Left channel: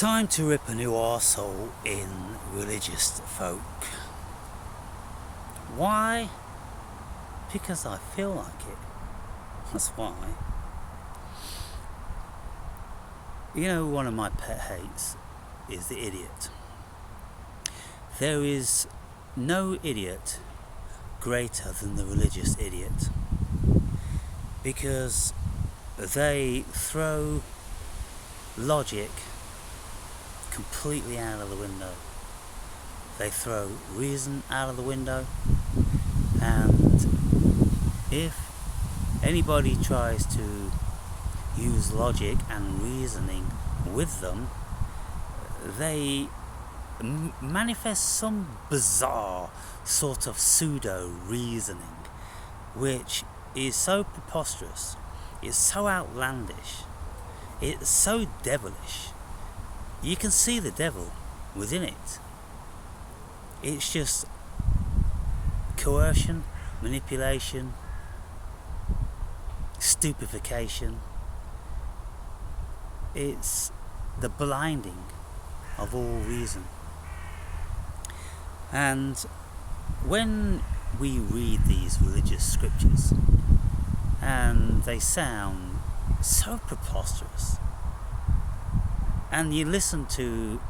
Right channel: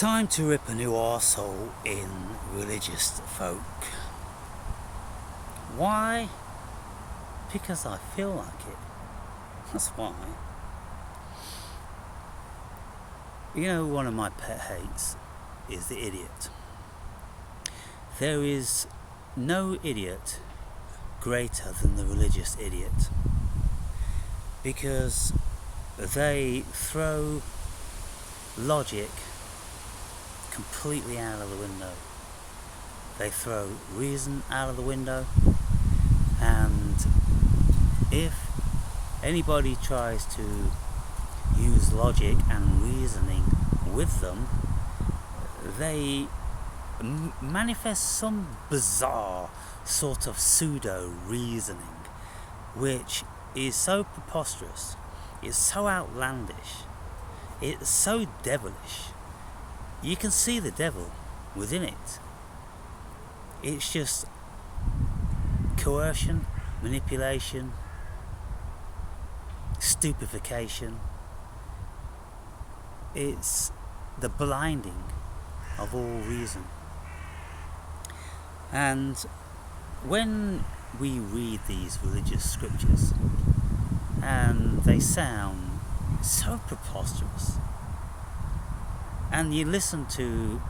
Time to rip a new arsehole in religious folk. Why? Because I feel like it. That's why. You know, one of my pet hates is the idiot. There is no idiot greater than the religious idiot, because they throw logic completely out of the window. They throw reason out of the window, and if anybody tries to use logic and reasoning with them, they manifest some bizarre sort of pseudo reasoning which is so preposterous, it's so outlandish, it's so devilish. You can see the devil within it. It's just coercion, manipulation, stupefaction. It's the blinding of all reason. And when we read these religious scriptures, and they sound so preposterous, and you listen to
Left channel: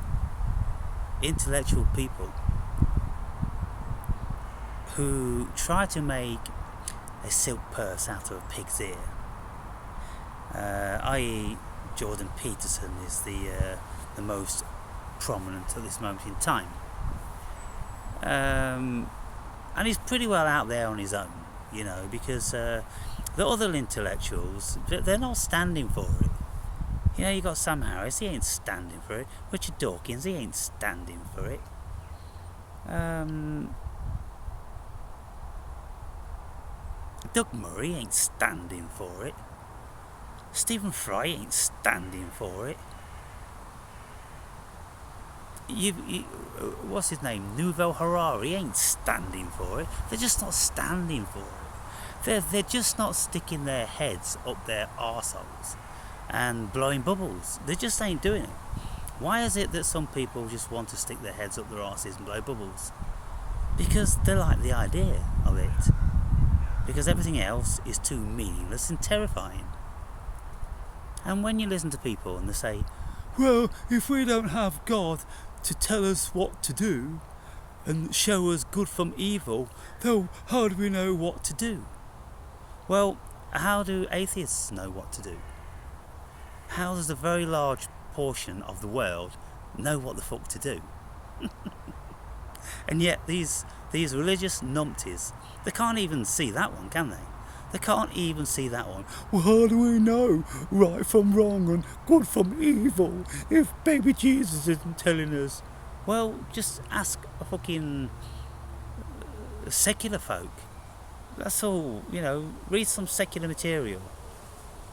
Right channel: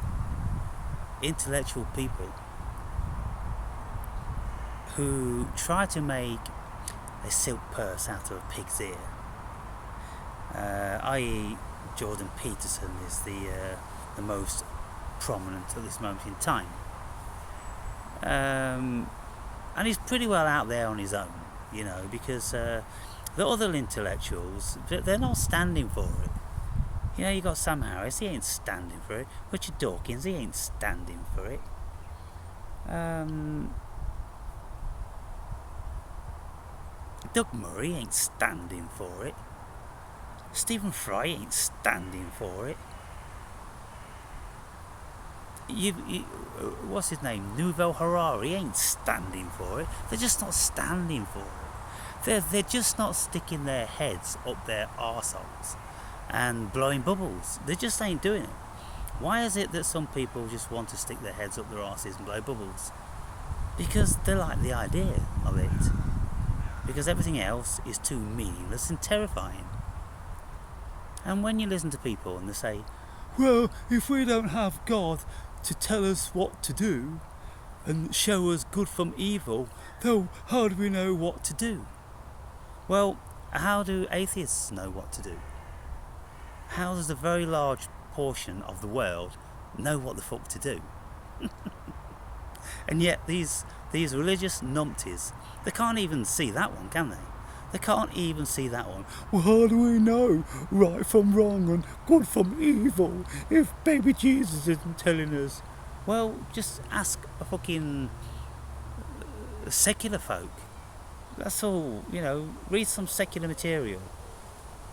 intellectual people who try to make a silk purse out of a pig's ear, i.e. Jordan Peterson is the most prominent at this moment in time, and he's pretty well out there on his own, you know, because the other intellectuals, they're not standing for it. You know, you got Sam Harris, he ain't standing for it. Richard Dawkins, he ain't standing for it. Doug Murray ain't standing for it. Stephen Fry ain't standing for it. What's his name? Yuval Harari ain't standing for it. They're just not standing for it. They're just not sticking their heads up their arseholes and blowing bubbles. They just ain't doing it. Why is it that some people just want to stick their heads up their arses and blow bubbles? Because they like the idea of it. Because everything else is too meaningless and terrifying. And when you listen to people and they say, well, if we don't have God to tell us what to do and show us good from evil, then how do we know what to do? Well, how do atheists know what to do? How does a very large portion of the world know what the fuck to do? And yet these religious numpties, they can't even see that one, can they? They can't even see that one. Well, how do we know right from wrong and good from evil if baby Jesus isn't telling us? Well, just ask a fucking secular folk. That's all, you know, read some secular material.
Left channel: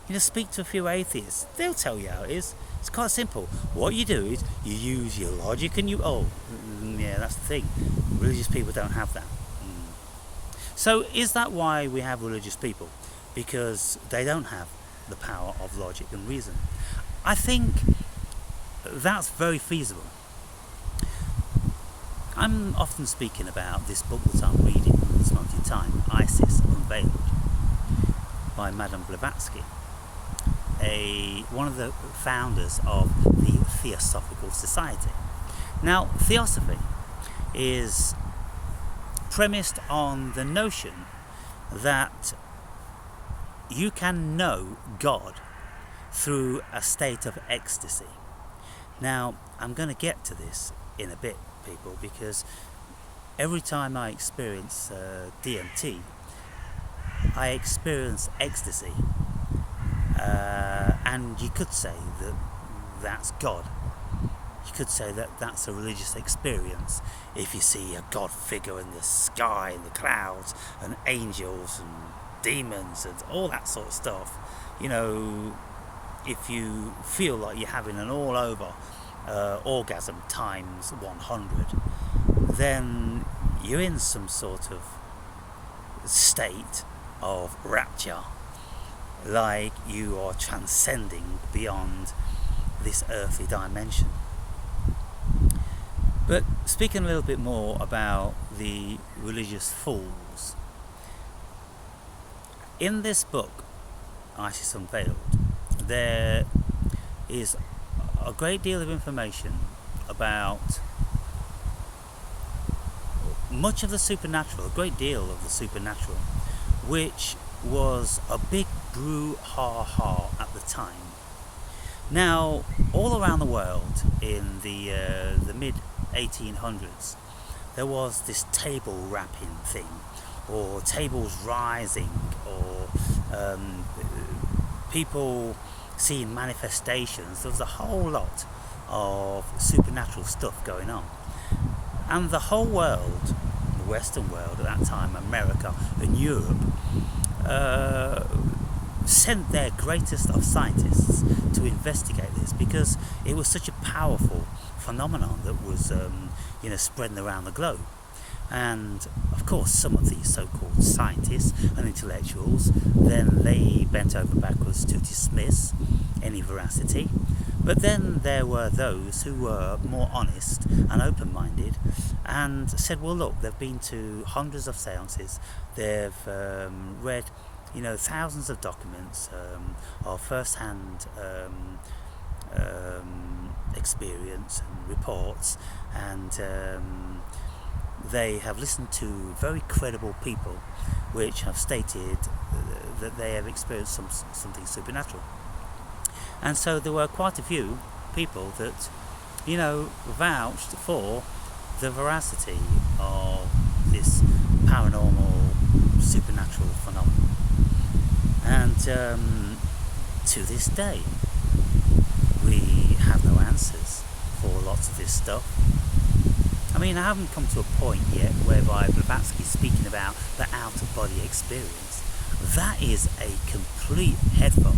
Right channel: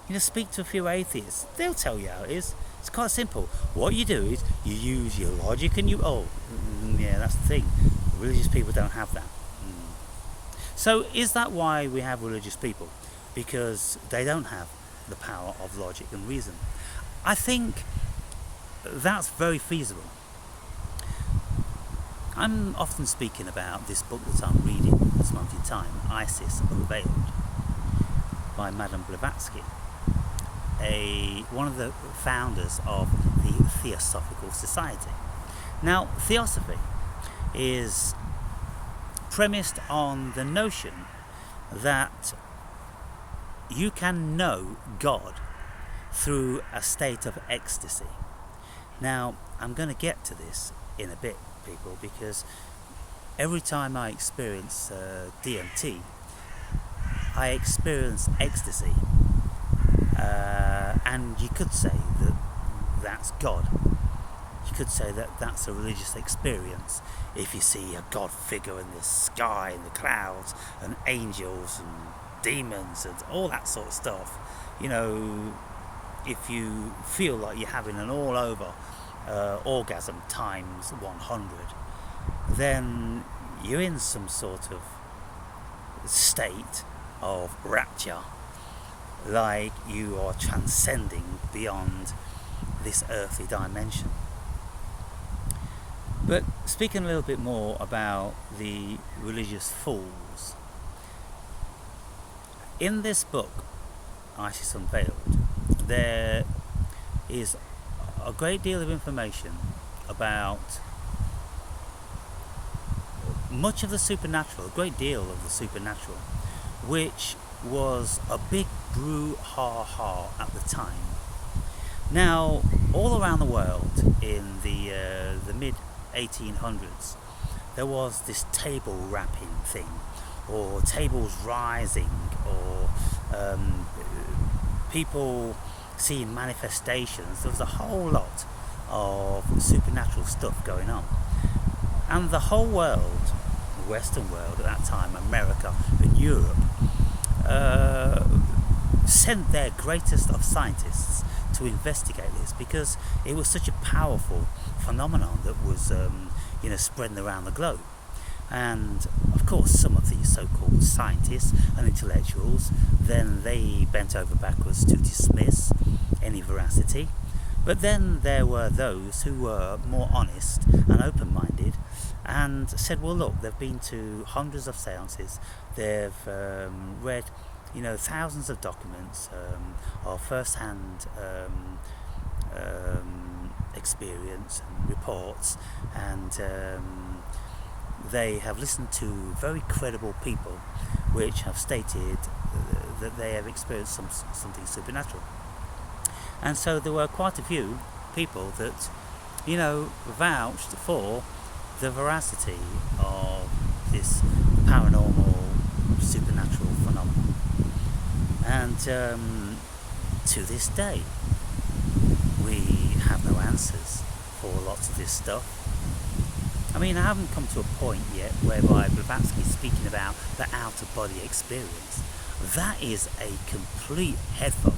You know, speak to a few atheists. They'll tell you how it is. It's quite simple. What you do is you use your logic and yeah, that's the thing. Religious people don't have that. So is that why we have religious people? Because they don't have the power of logic and reason. I think that's very feasible. I'm often speaking about this book that I'm reading at this moment in time, Isis Unveiled, by Madame Blavatsky, one of the founders of the Theosophical Society. Now, theosophy is premised on the notion that you can know God through a state of ecstasy. Now, I'm going to get to this in a bit, people, because every time I experience DMT, I experience ecstasy, and you could say that that's God. You could say that that's a religious experience if you see a God figure in the sky, in the clouds, and angels and demons and all that sort of stuff. You know, if you feel like you're having an all over orgasm times 100, then you're in some sort of state of rapture, like you are transcending beyond this earthly dimension. But speaking a little bit more about the religious fools, in this book, Isis Unveiled, there is a great deal of information about much of the supernatural, a great deal of the supernatural, which was a big brouhaha at the time. Now, all around the world in the mid 1800s, there was this table rapping thing, or tables rising, or people seeing manifestations. There was a whole lot of supernatural stuff going on. And the whole world, the Western world at that time, America and Europe, sent their greatest of scientists to investigate this, because it was such a powerful phenomenon that was spreading around the globe. And of course, some of these so-called scientists and intellectuals, then they bent over backwards to dismiss any veracity. But then there were those who were more honest and open-minded and said, well, look, they've been to hundreds of seances, they've read thousands of documents of first-hand experience and reports, and they have listened to very credible people which have stated that they have experienced something supernatural. And so there were quite a few people that vouched for the veracity of this paranormal supernatural phenomenon. And to this day, we have no answers for lots of this stuff. I mean, I haven't come to a point yet whereby Blavatsky is speaking about the out-of-body experience. That is a complete headfuck.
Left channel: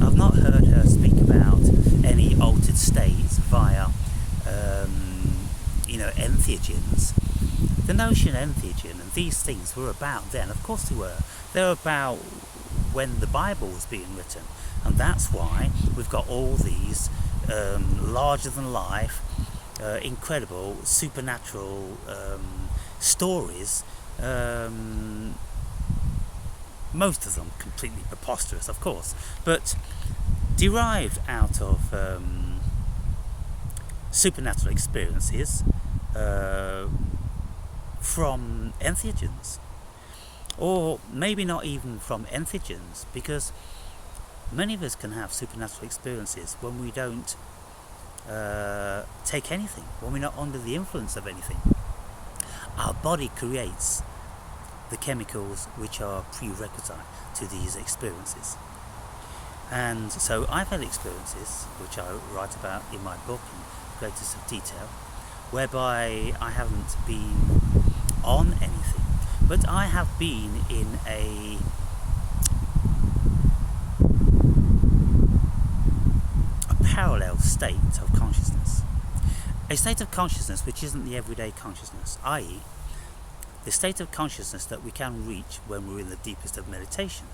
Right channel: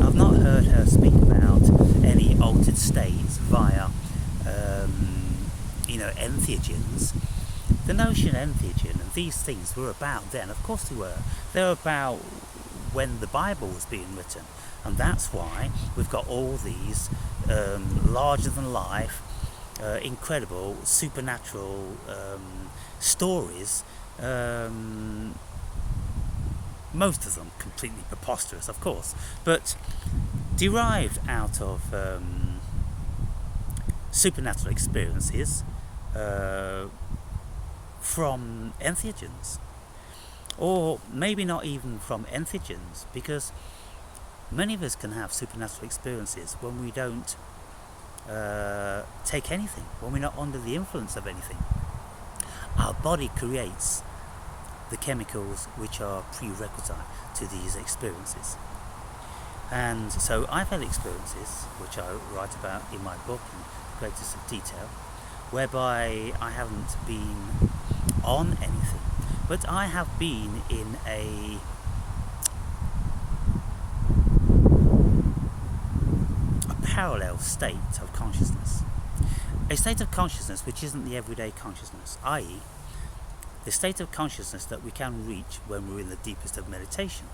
I've not heard her speak about any altered states via, entheogens. The notion entheogen and these things were about then. Of course they were. They were about when the Bible was being written. And that's why we've got all these larger-than-life, incredible, supernatural stories. Most of them completely preposterous, of course, but derived out of supernatural experiences from entheogens, or maybe not even from entheogens, because many of us can have supernatural experiences when we don't take anything, when we're not under the influence of anything. Our body creates the chemicals which are prerequisite to these experiences. And so I've had experiences, which I write about in my book in greatest of detail, whereby I haven't been on anything, but I have been in a parallel state of consciousness. A state of consciousness which isn't the everyday consciousness, i.e. the state of consciousness that we can reach when we're in the deepest of meditation.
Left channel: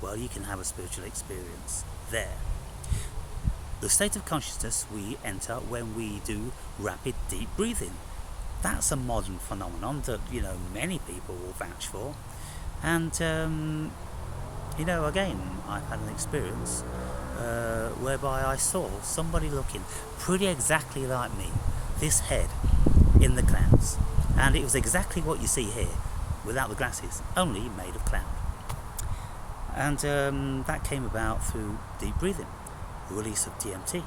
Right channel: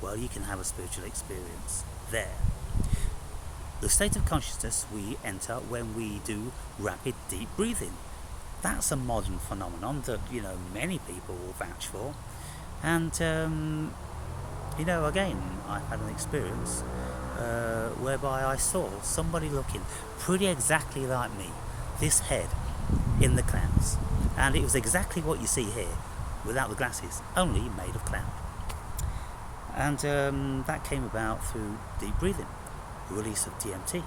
Well, you can have a spiritual experience there. The state of consciousness we enter when we do rapid deep breathing. That's a modern phenomenon that many people will vouch for. And again, I've had an experience whereby I saw somebody looking pretty exactly like me, this head in the clouds. And it was exactly what you see here, without the glasses, only made of cloud. And that came about through deep breathing, the release of DMT.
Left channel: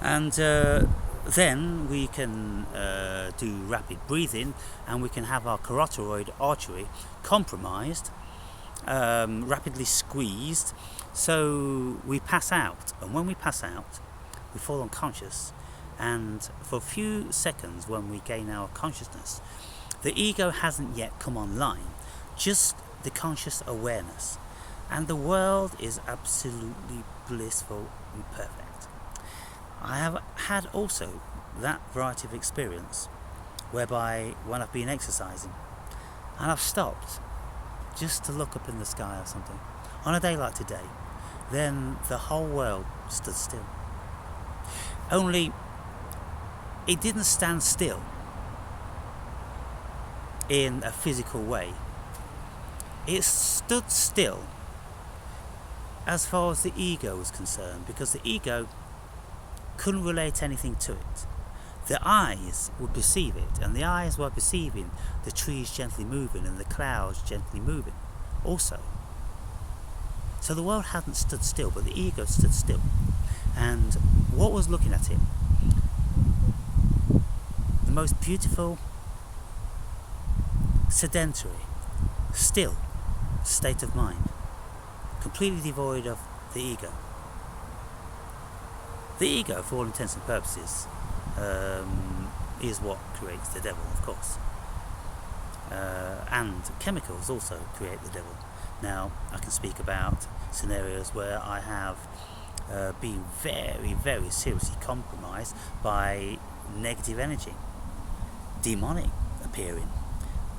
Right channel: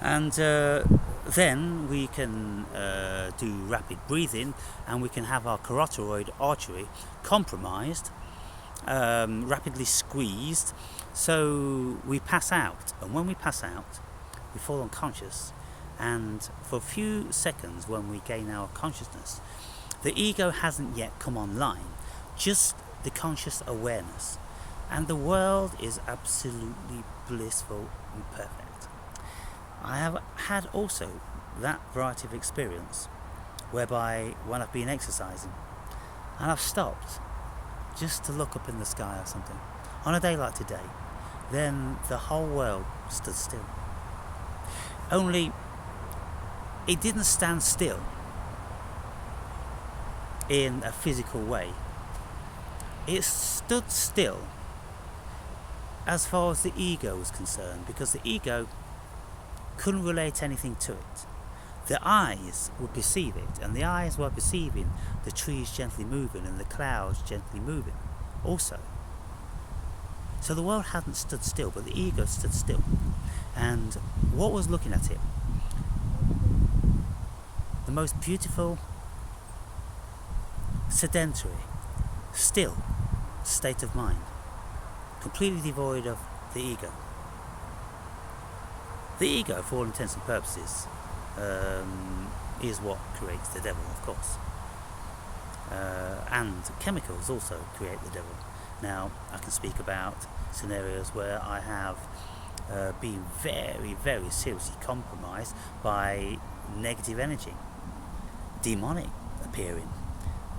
And then we can do rapid breathing, and we can have our carotid artery compromised, rapidly squeezed, so we pass out. And when we pass out, we fall unconscious. And for a few seconds when we gain our consciousness, the ego hasn't yet come online, just the conscious awareness. And the world is absolutely blissful and perfect. I have had also that variety of experience whereby when I've been exercising and I've stopped just to look up in the sky or something, on a day like today, then the whole world stood still. Only it didn't stand still in a physical way. It stood still as far as the ego was concerned, because the ego couldn't relate anything to it. The eyes would perceive it, and the eyes were perceiving the trees gently moving and the clouds gently moving also. So the world hadn't stood still, but the ego stood still. And what was looking at it? The most beautiful, sedentary, still state of mind, completely devoid of the ego. The ego, for all intents and purposes, is what creates the devil, of course. And chemicals also create the devil. Now, I can speak about scenarios where I have been very, very seriously compromised by negative energy, demonic appearing.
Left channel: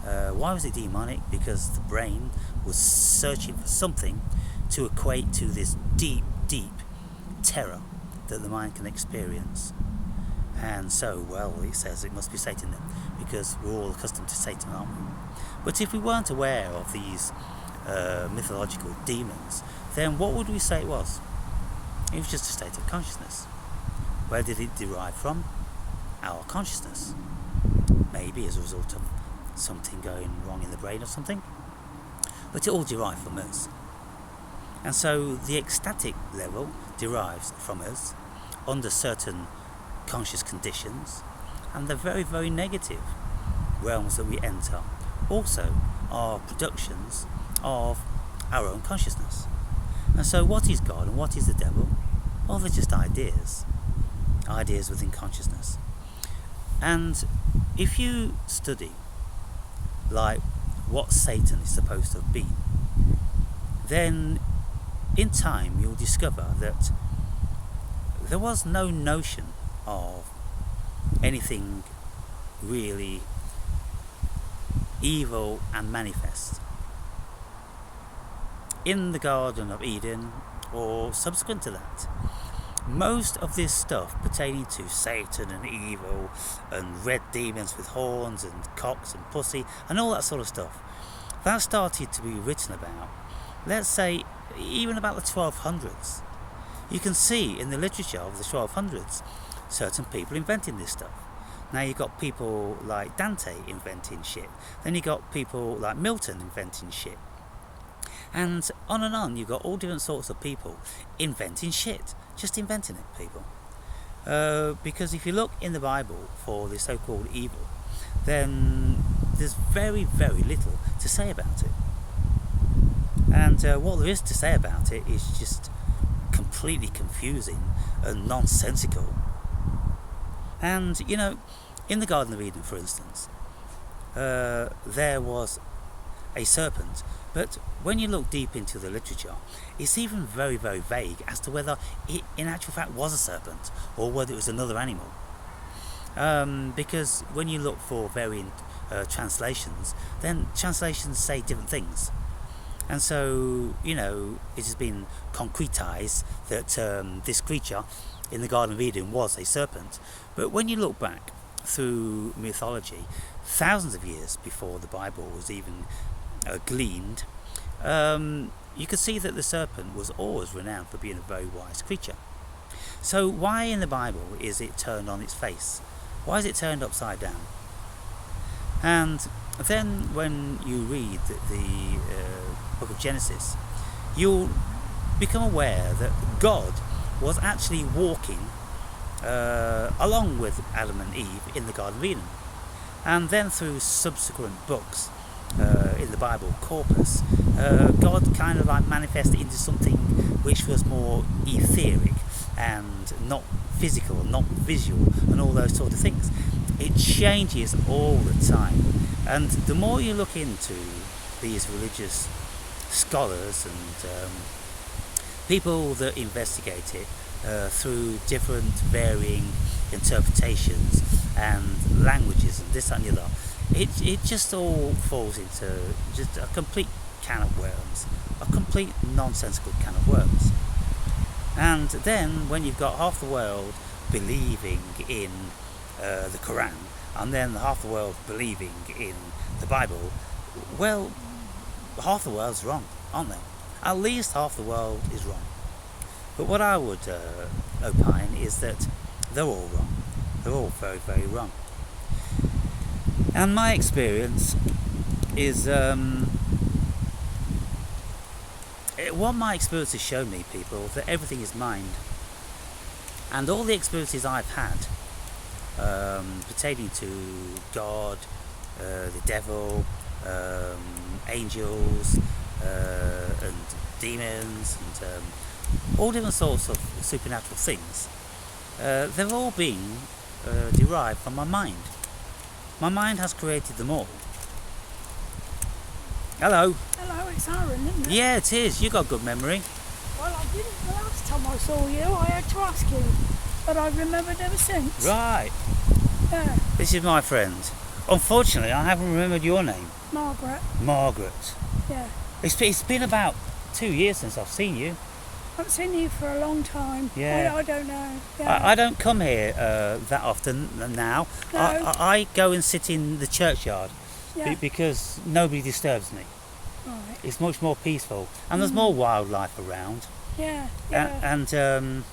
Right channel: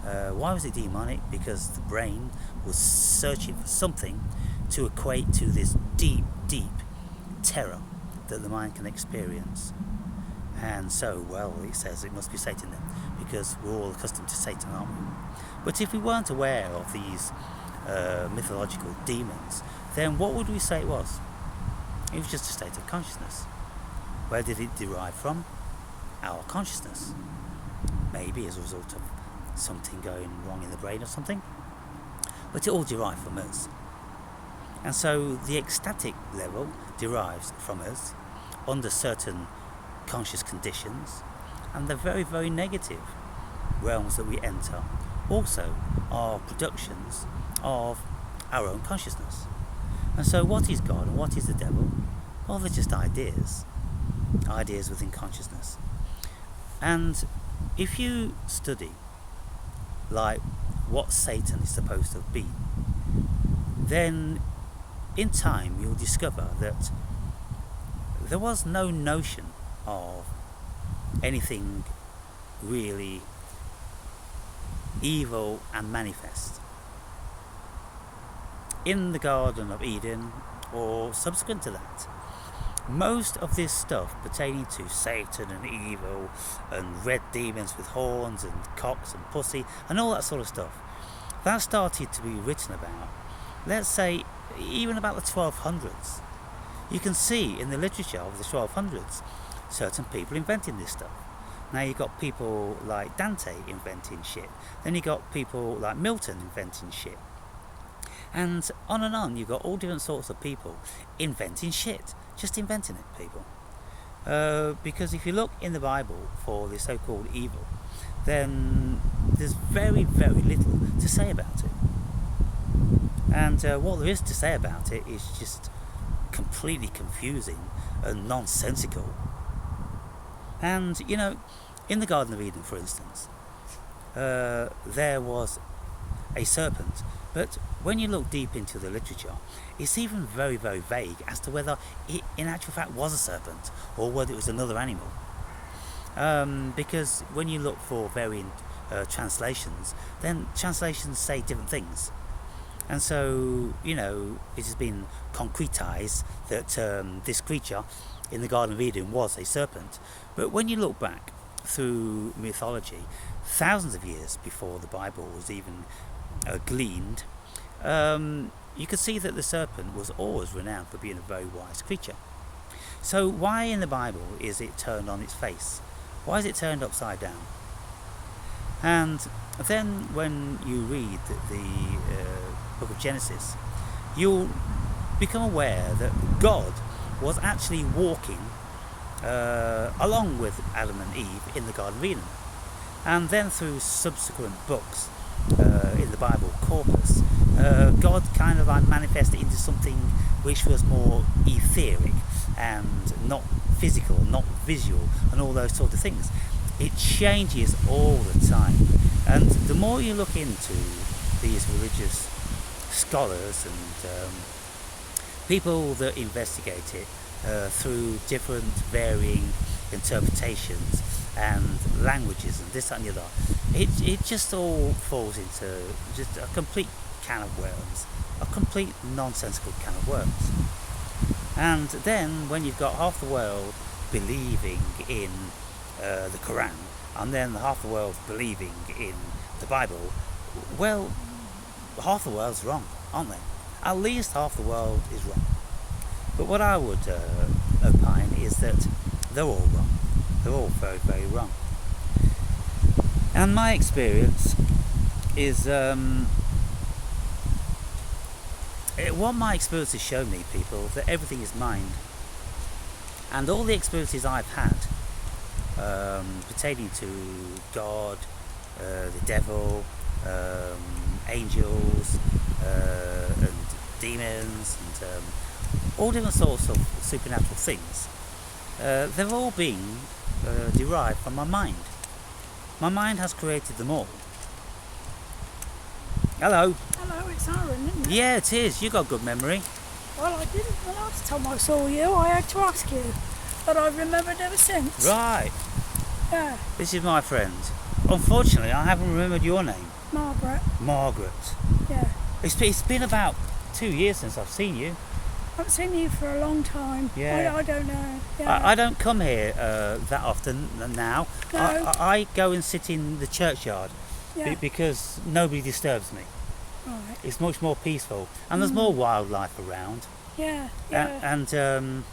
Why was it demonic? Because the brain was searching for something to equate to this deep, deep terror that the mind can experience. And so, well, it says it must be Satan then, because we're all accustomed to Satan, aren't we? But if we weren't aware of these mythological demons, then what would we say it was? It was just a state of consciousness. Where did it derive from? Our consciousness. Maybe as a result of something going wrong in the brain or something. But it all derived from us. And so the ecstatic level derives from us under certain conscious conditions, and the very, very negative realms that we enter also are productions of our own consciousness. And so what is God and what is the devil? Well, they're just ideas within consciousness. And if you study like what Satan is supposed to have been, then in time you'll discover that there was no notion of anything really evil and manifest in the Garden of Eden or subsequent to that. Most of this stuff pertaining to Satan and evil and red demons with horns and cocks and pussy and all that sort of stuff, that started to be written about, let's say, even about the 1200s. You can see in the literature of the 1200s certain people inventing this stuff. Now you've got people like Dante inventing shit. Then you've got people like Milton inventing shit. And on you've got all different sorts of people inventing shit. Just inventing it, people. Because if you look in the Bible for the so-called evil, then there's very, very little to say about it. And what there is to say about it is just completely confusing and nonsensical. And, you know, in the Garden of Eden, for instance, there was a serpent. But when you look deep into the literature, it's even very, very vague as to whether it in actual fact was a serpent or whether it was another animal. Because when you look for varying translations, then translations say different things. And so, you know, it has been concretized that this creature in the Garden of Eden was a serpent. But when you look back through mythology, thousands of years before the Bible was even gleaned, you could see that the serpent was always renowned for being a very wise creature. So why in the Bible is it turned on its face? Why is it turned upside down? And then when you read the book of Genesis, you'll become aware that God was actually walking along with Adam and Eve in the Garden of Eden. And then through subsequent books in the Bible corpus, God kind of like manifested into something which was more etheric and not physical, not visual, and all those sort of things. It changes all the time. And the more you look into these religious scholars and people that investigate it through different varying interpretations and languages and this and the other, it just all falls into just a complete can of worms, a complete nonsensical can of worms. And then when you've got half the world believing in the Quran, and then half the world believing in the Bible, well, half the world's wrong, aren't they? At least half the world is wrong. But what I would opine is that they're all wrong. They're all very, very wrong. And my experience is what my experience has shown me, people, that everything is mind. And all the experiences I've had pertaining to God, the devil, angels, and demons, and all different sorts of supernatural things, they've all been derived from my mind. My mind has created them all. Hello. Hello, it's Aaron, isn't it? Yeah, it is. You got good memory. Well, I didn't the last time I saw you. I had to ask you, but I've remembered ever since. Right. Yeah. This is my friend. Unfortunately, I haven't remembered your name. Margaret. Margaret. Yeah. It's been about 2 years since I've seen you. I haven't seen you for a long time. Yeah. I don't know. Yeah. I don't come here that often now. No. I go and sit in the churchyard Yeah. because nobody disturbs me. Right. It's much more peaceful, and there's more wildlife around. Yeah. Yeah. And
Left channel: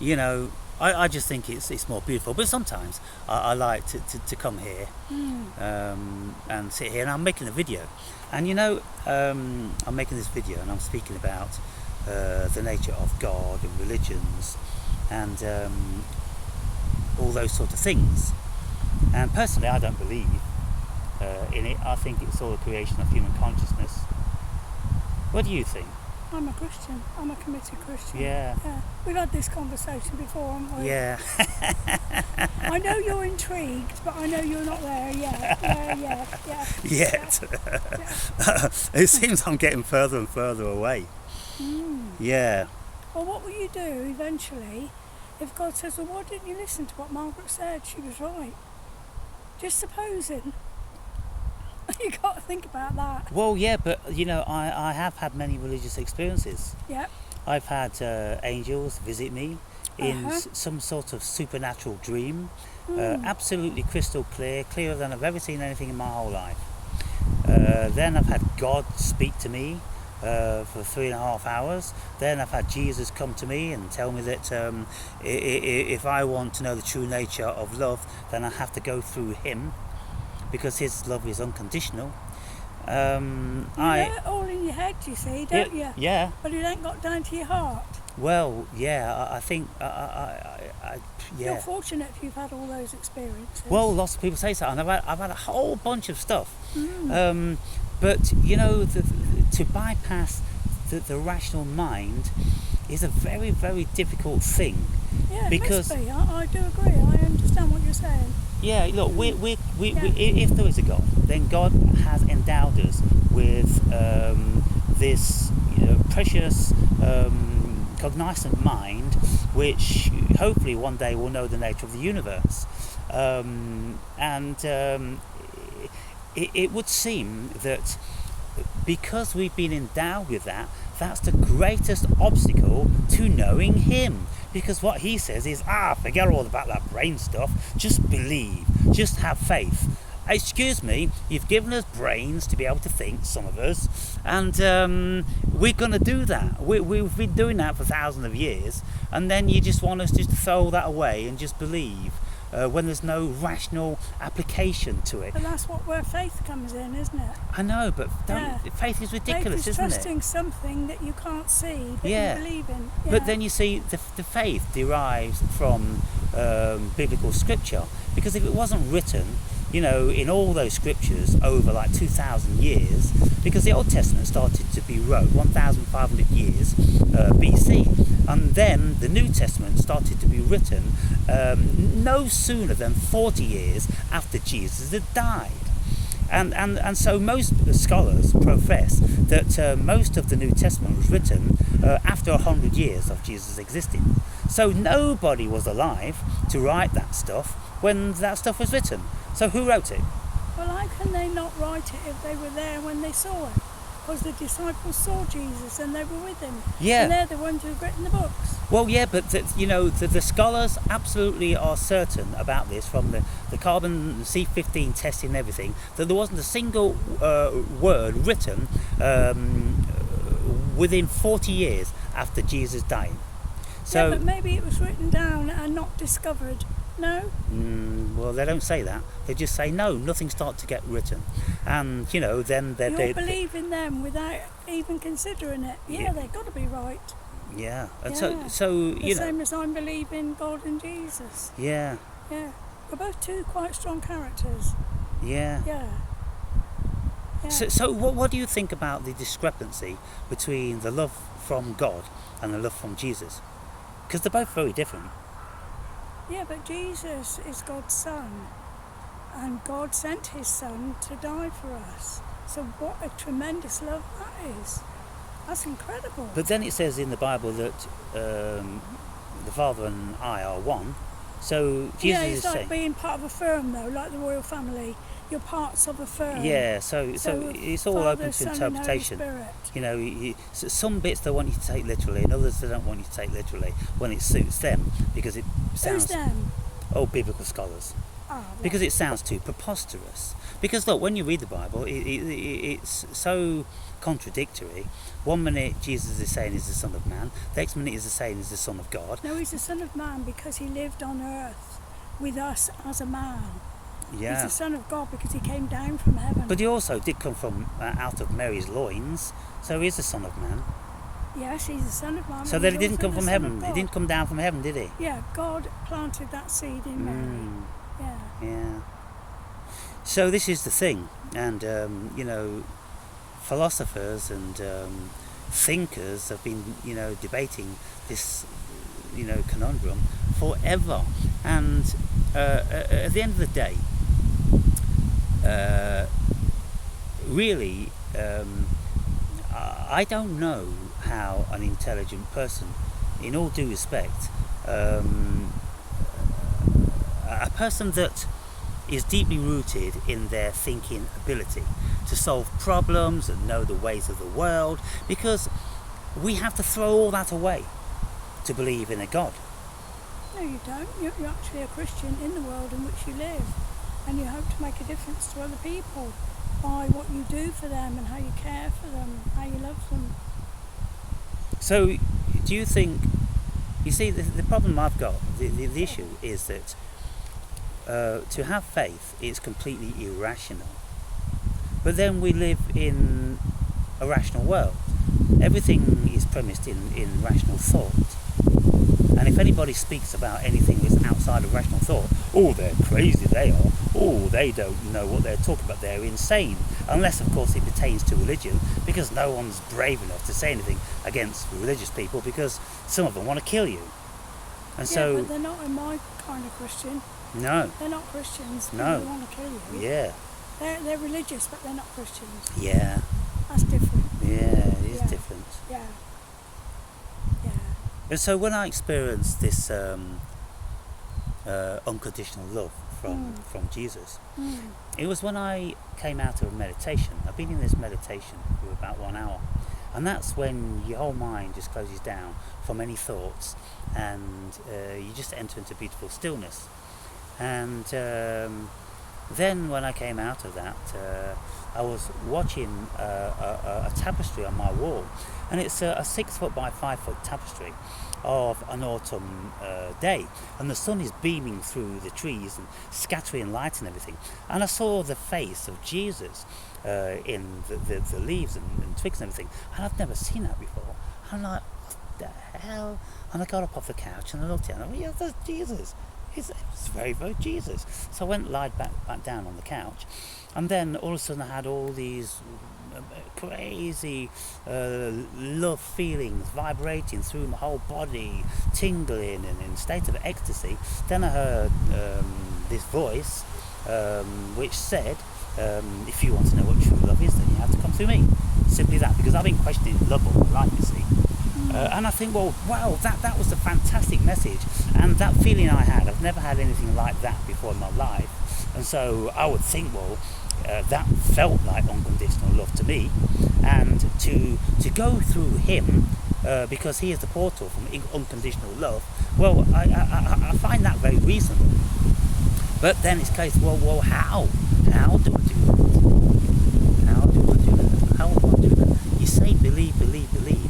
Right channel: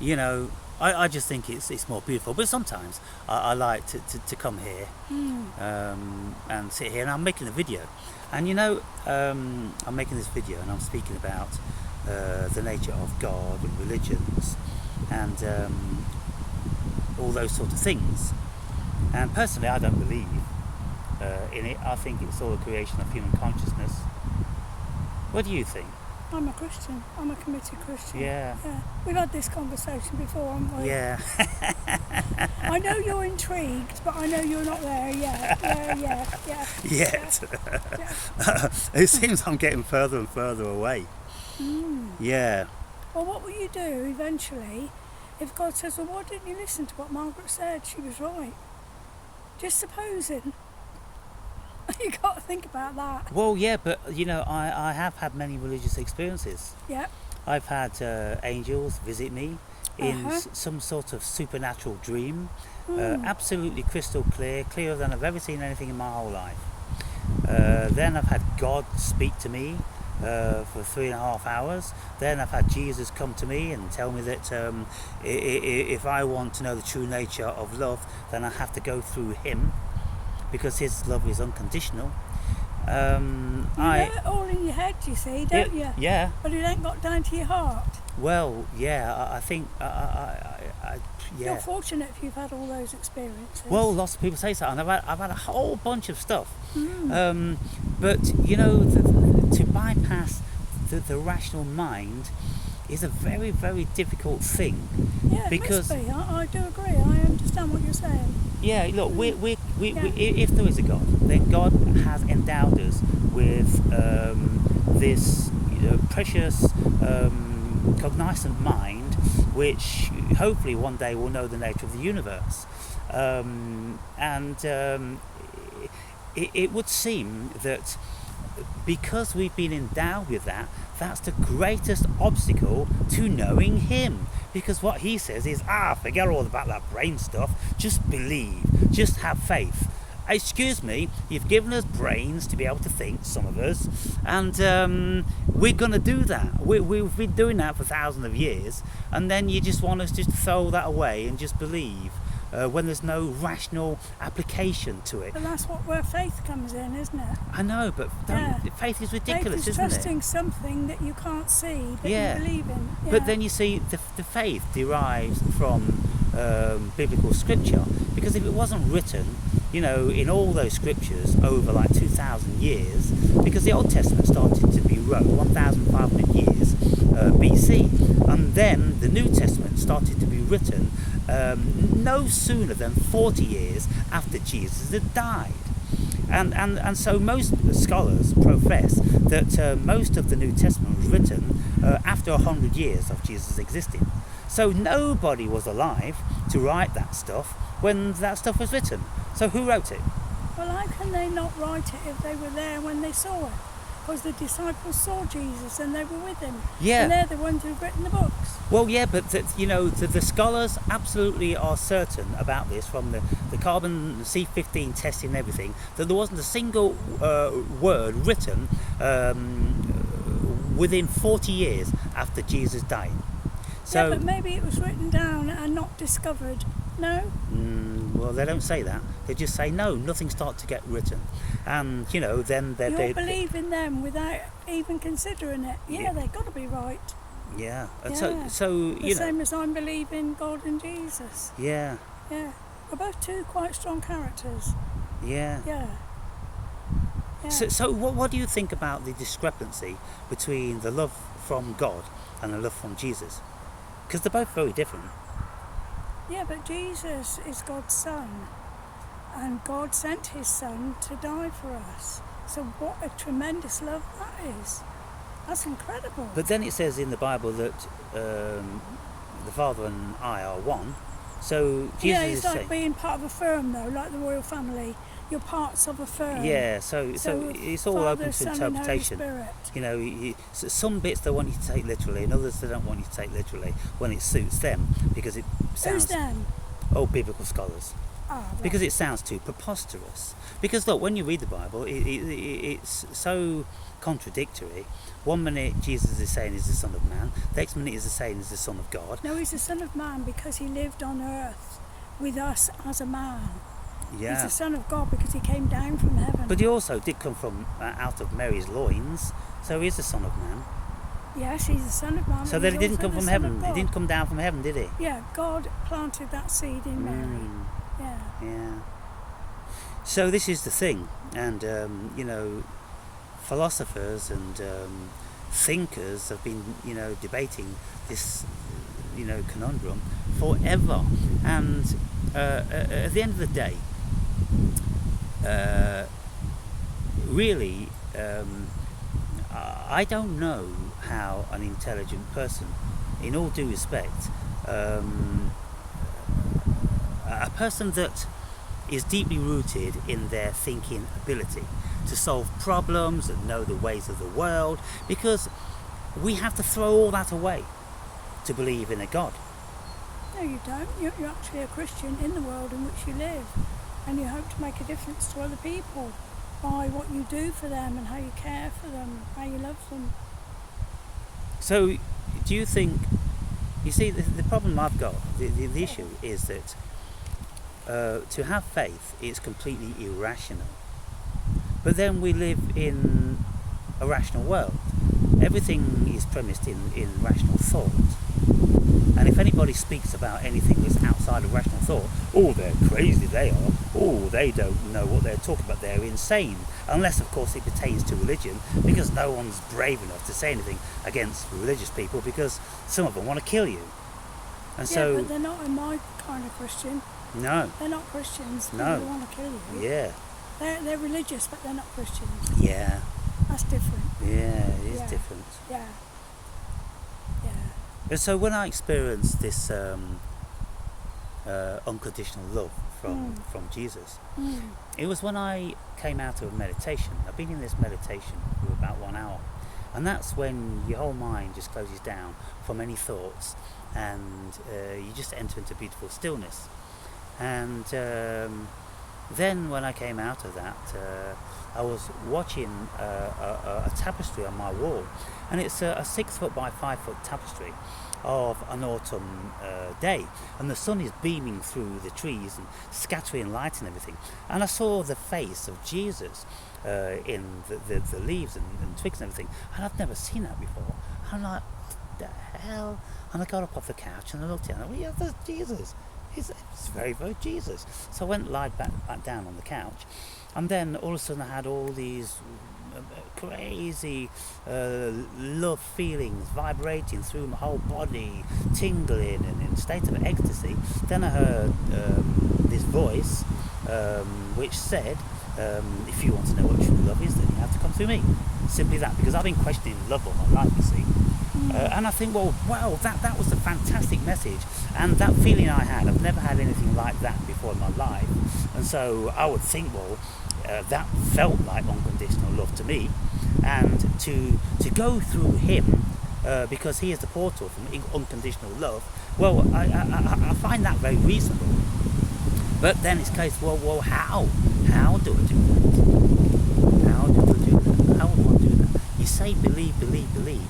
you know, I just think it's more beautiful. But sometimes I like to come here and sit here, and I'm making a video. And you know, I'm making this video and I'm speaking about the nature of God and religions and all those sort of things. And personally, I don't believe in it. I think it's all a creation of human consciousness. What do you think? I'm a Christian. I'm a committed Christian. Yeah. We've had this conversation before, haven't we? Yeah. I know you're intrigued, but I know you're not there yet. Yeah. Yet. Yeah. It seems I'm getting further and further away. Yeah. Well, what will you do eventually if God says, well, why didn't you listen to what Margaret said? She was right. Just supposing. You got to think about that. Well, yeah, but you know, I have had many religious experiences. Yeah. I've had angels visit me in some sort of supernatural dream, absolutely crystal clear, clearer than I've ever seen anything in my whole life. Then I've had God speak to me for 3.5 hours. Then I've had Jesus come to me and tell me that if I want to know the true nature of love, then I have to go through him, because his love is unconditional. You know it all in your head, you see, don't you? Yeah. But it ain't got down to your heart. Well, yeah, I think, yeah. You're fortunate if you've had all those experiences. Well, lots of people say so, and I've had a whole bunch of stuff. But, you know, to bypass the rational mind is a very, very difficult thing. Yeah, it because must be. I do agree. I understand what you're saying. Yeah, look, we if there is a God, then God has endowed us with this precious, cognizant mind, which hopefully one day will know the nature of the universe. It would seem that because we've been endowed with that, that's the greatest obstacle to knowing him. Because what he says is, forget all about that brain stuff, just believe, just have faith. Excuse me, you've given us brains to be able to think, some of us, and we're going to do that. We've been doing that for thousands of years, and then you just want us just to throw that away and just believe. When there's no rational application to it. But that's where faith comes in, isn't it? I know, but faith is ridiculous, faith is isn't trusting it? something that you can't see, that you believe in. Yeah. But then you see, the faith derives from biblical scripture, because if it wasn't written, in all those scriptures over like 2,000 years, because the Old Testament started to be wrote 1,500 years BC, and then the New Testament started to be written no sooner than 40 years after Jesus had died. And so most scholars profess that most of the New Testament was written after 100 years of Jesus existing. So nobody was alive to write that stuff when that stuff was written. So who wrote it? Well, how can they not write it if they were there when they saw it? because the disciples saw Jesus and they were with him. Yeah. And they're the ones who've written the books. Well, yeah, but the scholars absolutely are certain about this from the carbon C15 testing and everything, that there wasn't a single word written within 40 years after Jesus died. So, yeah, but maybe it was written down and not discovered. No? Well, they don't say that. They just say, no, nothing started to get written. And, then they... You're believing them without even considering it. Yeah. They've got to be right. Yeah. And Yeah. so The same as I'm believing God and Jesus. Yeah. Yeah. We're both two quite strong characters. Yeah. Yeah. Yeah. So what do you think about the discrepancy between the love from God and the love from Jesus? Because they're both very different. Yeah, but Jesus is God's son, and God sent his son to die for us. So what a tremendous love that is. That's incredible. But then it says in the Bible that the Father and I are one. So Jesus yeah, is it's like saying, being part of a firm, though, like the royal family. You're parts of a firm. yeah, so it's all Father, open to Son, interpretation. And Holy Spirit. Some bits they want you to take literally, and others they don't want you to take literally when it suits them, because it sounds... Who's them? Oh, biblical scholars. Ah, right. Because it sounds too preposterous. Because look, when you read the Bible, it's so contradictory. One minute Jesus is saying he's the Son of Man, the next minute he's saying he's the Son of God. No, he's the Son of Man because he lived on earth with us as a man. Yeah. He's the Son of God because he came down from heaven. But he also did come from out of Mary's loins, so he's the Son of Man. Yes, he's the Son of Man. So but that he's he didn't also come the from Son heaven. of He God. didn't come down from heaven, did he? Yeah, God planted that seed in Mary. Yeah. Yeah. So this is the thing, and philosophers and thinkers have been, debating this, conundrum forever. And at the end of the day, really, I don't know how an intelligent person, in all due respect, a person that is deeply rooted in their thinking ability to solve problems and know the ways of the world, because we have to throw all that away to believe in a God. No, you don't. You're actually a Christian in the world in which you live, and you hope to make a difference to other people by what you do for them and how you care for them, how you love them. So, do you think, you see, the problem I've got, the issue is that to have faith is completely irrational. But then we live in a rational world. Everything is premised in rational thought. And if anybody speaks about anything that's outside of rational thought, oh, they're crazy, they are. Oh, they don't know what they're talking about, they're insane. Unless, of course, it pertains to religion, because no one's brave enough to say anything against religious people, because some of them want to kill you. And Yeah, but they're not in my kind of Christian. No. They're not Christians. People No. who want to kill you. Yeah. They're religious, but they're not Christians. Yeah. That's different. Yeah, it is Yeah. different. Yeah. Yeah. And so when I experienced this unconditional love from Jesus, it was when I came out of meditation. I've been in this meditation for about 1 hour, and that's when your whole mind just closes down from any thoughts, and you just enter into beautiful stillness. And then when I came out of that, I was watching a tapestry on my wall, and it's a 6 foot by 5 foot tapestry of an autumn day, and the sun is beaming through the trees and scattering light and everything, and I saw the face of Jesus in the leaves and twigs and everything, and I've never seen that before. I'm like, what the hell? And I got up off the couch and I looked at it and I went, yeah, that's Jesus. It's very, very Jesus. So I went lied back down on the couch, and then all of a sudden I had all these crazy love feelings vibrating through my whole body, tingling and in a state of ecstasy. Then I heard this voice which said, if you want to know what true love is, then you have to come through me. Simply that, because I've been questioning love all my life, you see. And I think, well, wow, that was a fantastic message, and that feeling I had, I've never had anything like that before in my life. And so I would think, well, that felt like unconditional love to me, and to go through him, because he is the portal from unconditional love. Well, I find that very reasonable. But then it's a case, well, how do I do that? How do I do that? How do I do that? You say believe,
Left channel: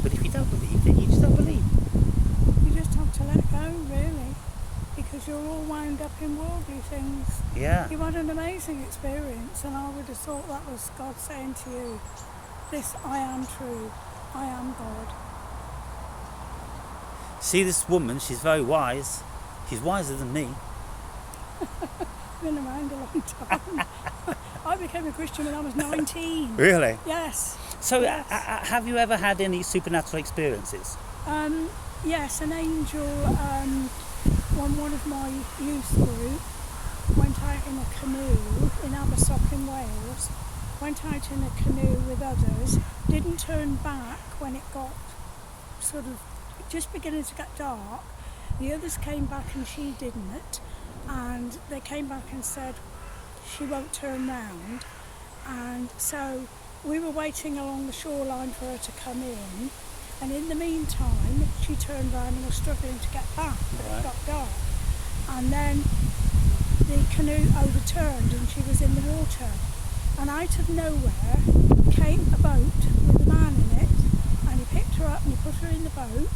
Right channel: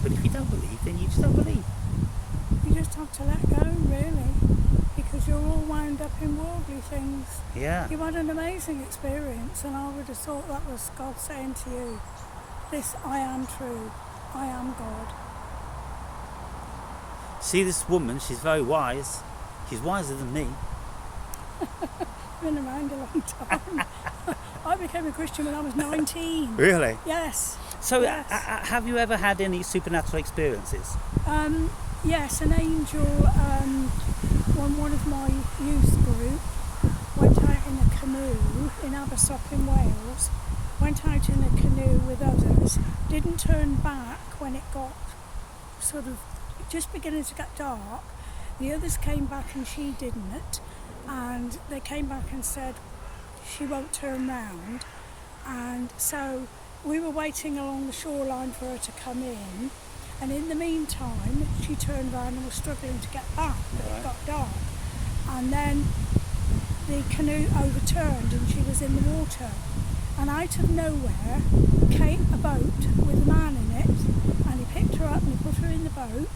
but if you don't believe, then you just don't believe. You just have to let go, really, because you're all wound up in worldly things. Yeah. You had an amazing experience, and I would have thought that was God saying to you, this, I am true, I am God. See this woman, she's very wise. She's wiser than me. Been around a long time. I became a Christian when I was 19. Really? Yes. So, yes. Have you ever had any supernatural experiences? Yes, an angel, one of my youth group, went out in a canoe in Abersoch in Wales, went out in a canoe with others, didn't turn back when it got sort of just beginning to get dark. The others came back and she didn't, and they came back and said she won't turn round, and so we were waiting along the shoreline for her to come in, and in the meantime she turned round and was struggling to get back, but it got dark, and then the canoe overturned and she was in the water, and out of nowhere came a boat with a man in it, and he picked her up and he put her in the boat,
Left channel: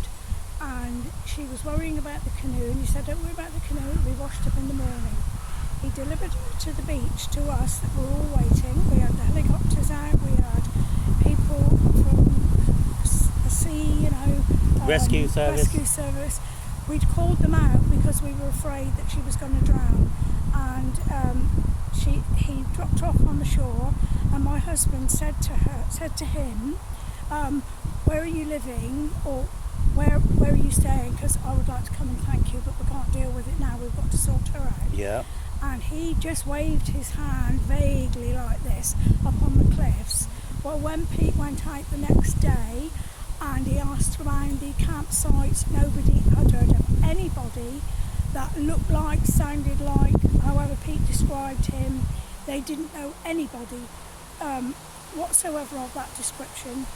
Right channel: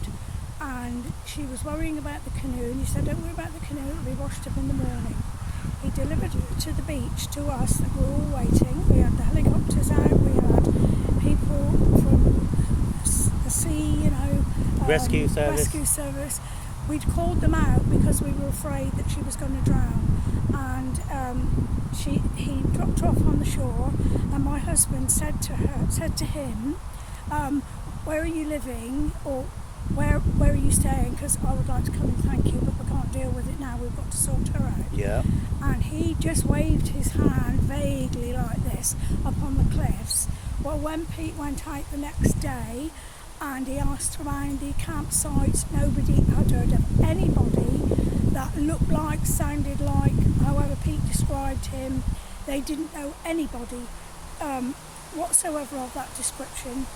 and she was worrying about the canoe, and he said, don't worry about the canoe, it'll be washed up in the morning. He delivered her to the beach to us that were all waiting. We had the helicopters out, we had people from the sea, rescue service. We'd called them out because we were afraid that she was going to drown, and he dropped her off on the shore, and my husband said to him, where are you living, or where are you staying, because I would like to come and thank you, but we can't deal with it now, we've got to sort her out. Yeah. And he just waved his hand vaguely like this up on the cliffs. Well, when Pete went out the next day and he asked around the campsites, nobody had heard of anybody that looked like, sounded like, however Pete described him. They didn't know anybody whatsoever of that description.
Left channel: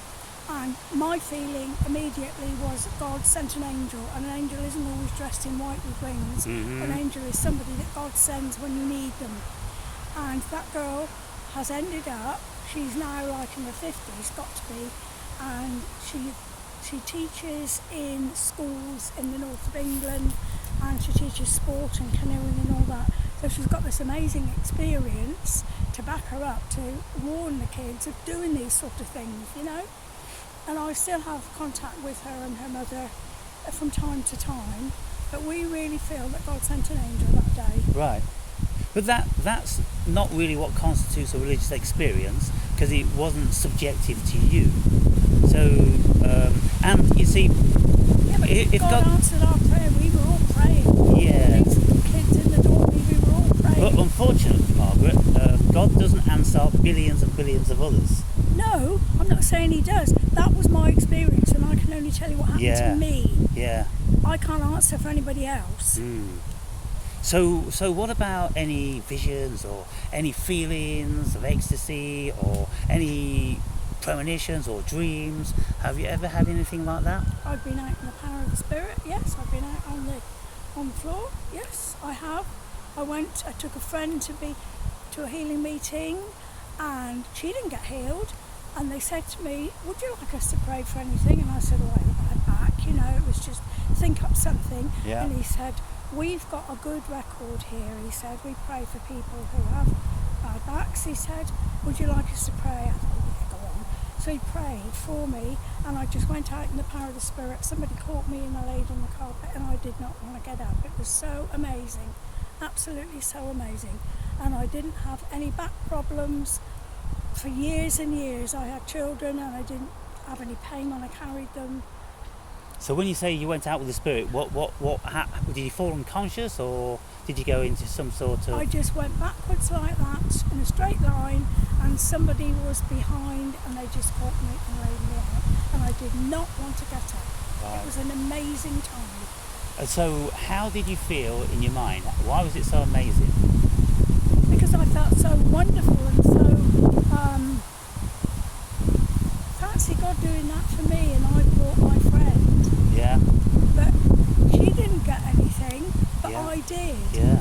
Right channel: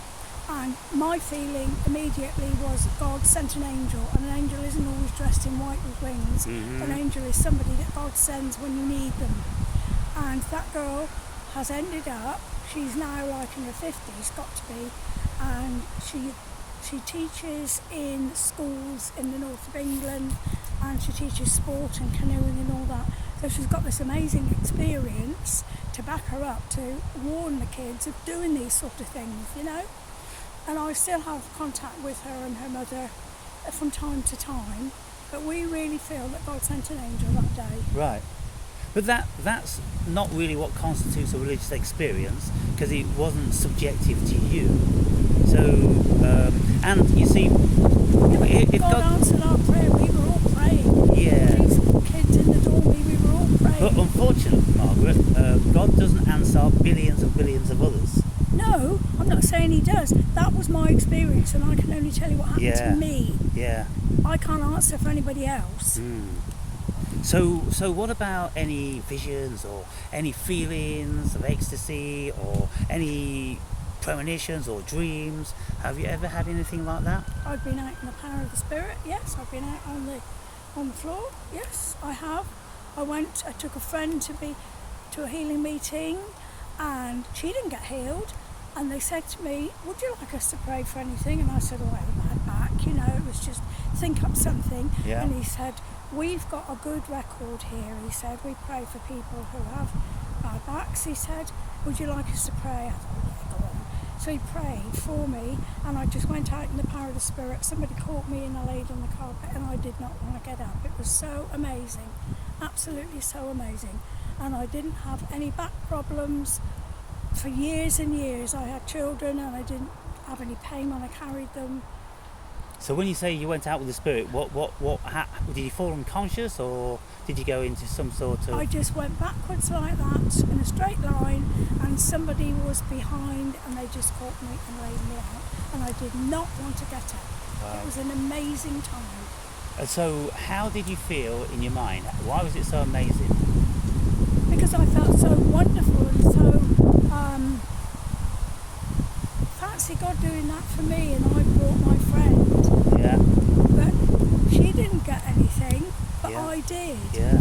And my feeling immediately was God sent an angel, and an angel isn't always dressed in white with wings. Mm-hmm. An angel is somebody that God sends when you need them. And that girl has ended up, she's now like in her 50s, got to be, and she teaches in schools in the north of England, and she teaches sport and canoeing and all that. So she's got this amazing experience to back her up, to warn the kids of doing these sort of things, And I still have contact with her and her mother from time to time, but we really feel that God sent an angel that day. Right. But that's not really what constitutes a religious experience, because it wasn't subjective to you. So, and you see... Yeah, but if God answered our prayer, we were all praying. Yeah. These kids in the doorway, we were all praying. But unfortunately, Margaret, God doesn't answer billions and billions of others. No, I'm not saying he does. That was my experience, and I can only tell you what happened to me. Yeah. I can't answer for anybody else. Mm. So what about any visions or any feelings of ecstasy or any premonitions or dreams? Have you ever had anything like that? I've been out in the power of the Spirit, yes. I've been out on the floor, yes, I have. I took a friend to a healing meeting, and she didn't get healed, and they said to me, would you like us to pray for anything? And I said, oh, I have a bad back, it was just think up something. Yeah. And he said, we've got a good record here. He said, we pray for people who have bad backs. He said, would you like us to pray? I thought, yeah, go on. So he prayed for me, and I just went out in the power of the Spirit. Somebody caught me and I laid on the carpet, and I did not want to get up. It was so amazing, absolutely so amazing. And I didn't have any back problems for years and years. I had children and I didn't have any pain when I carried them. So when you say you went out with the Spirit, did you fall unconscious, or did you go into some sort of... I just went backwards like that in a straight line, and somebody was behind and they just caught me and laid me out, and I did not want to get up. Right. It was an amazing time. So how did you feel in your mind? Why was it so amazing? because I felt so wonderful and so fancy God doing that for me, and I brought my friend. Yeah. But she didn't get anything, but Yeah. I did. Yeah.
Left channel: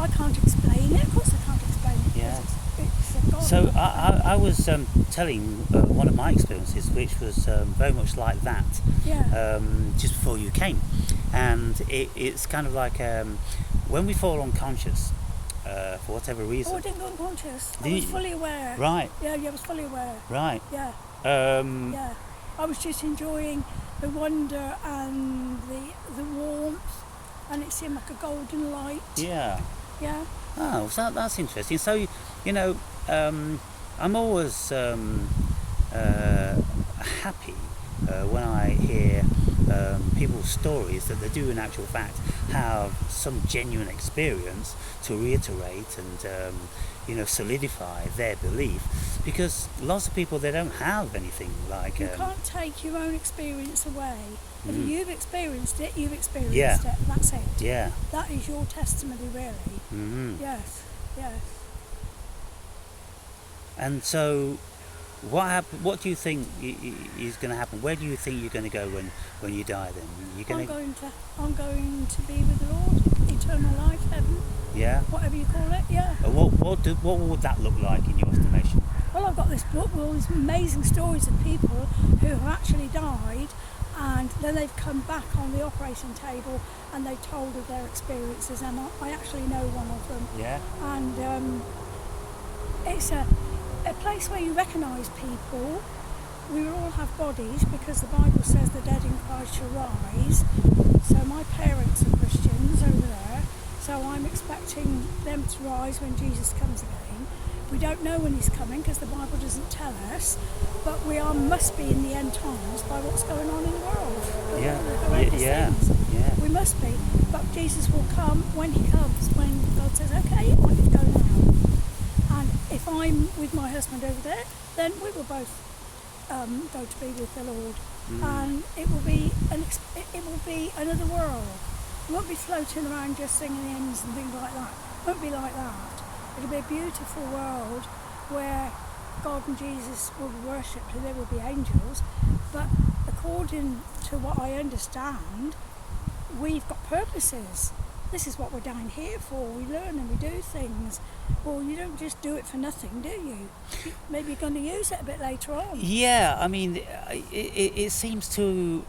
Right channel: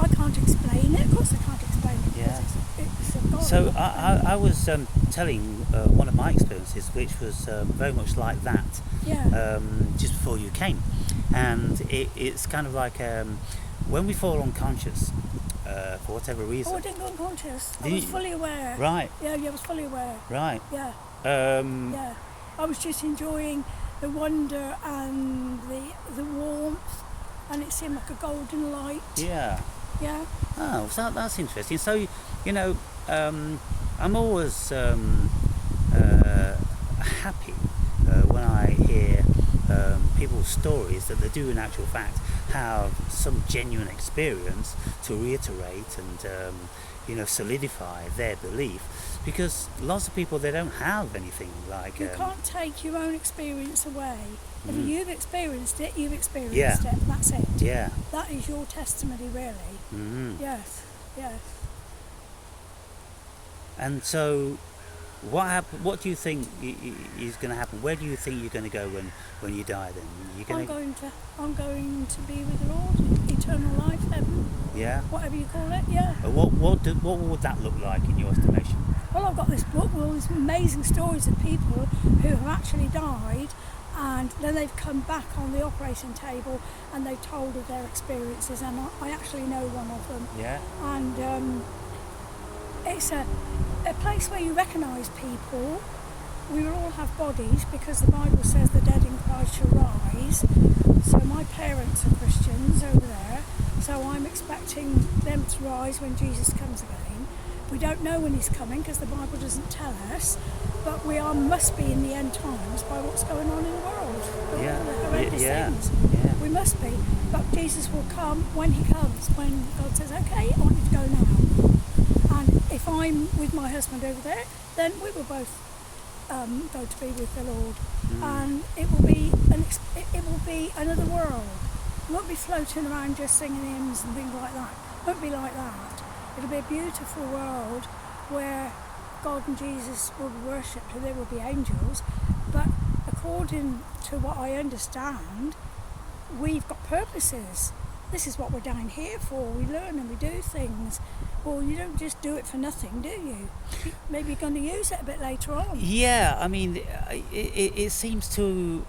I can't explain it. Of course I can't explain it because Yeah. it's a God. So I was telling one of my experiences, which was very much like that, Yeah. just before you came, and it's kind of like when we fall unconscious for whatever reason. Oh, I didn't go unconscious. I Did was you? fully aware. Right. Yeah, I was fully aware. Right. Yeah, Yeah. I was just enjoying the wonder and the warmth, and it seemed like a golden light. Yeah. Yeah. Oh, so that's interesting. So, you know, I'm always happy when I hear people's stories that they do in actual fact have some genuine experience to reiterate and you know, solidify their belief, because lots of people, they don't have anything like You can't take your own experience away. If Mm. you've experienced it, you've experienced Yeah. it. That's it. yeah. That is your testimony, really. Yes. Yes. And so what do you think is going to happen? Where do you think you're going to go when you die then? I'm going to be with the Lord, eternal life, heaven, Yeah. whatever you call it. Yeah. What would that look like in your estimation? Well, I've got this book with all these amazing stories of people who have actually died, and then they've come back on the operating table and they told of their experiences, and I actually know one of them. Yeah. And it's a place where you recognise people. We will all have bodies because the Bible says the dead in Christ shall rise. So my parents are Christians over there, so I'm expecting them to rise when Jesus comes again. We don't know when he's coming because the Bible doesn't tell us, but must be in the end times by what's going on in the world. All the horrendous things. Yeah. We must be. But Jesus will come when he comes, when God says, okay, I want you to go now. And if I'm with my husband over there, then we will both go to be with the Lord. And it will be another world. We won't be floating around just singing hymns and things like that. It won't be like that. It'll be a beautiful world where God and Jesus will be worshipped and there will be angels. But according to what I understand, we've got purposes. This is what we're down here for. We learn and we do things. Well, you don't just do it for nothing, do you? Maybe you're going to use it a bit later on. Yeah, I mean, it seems too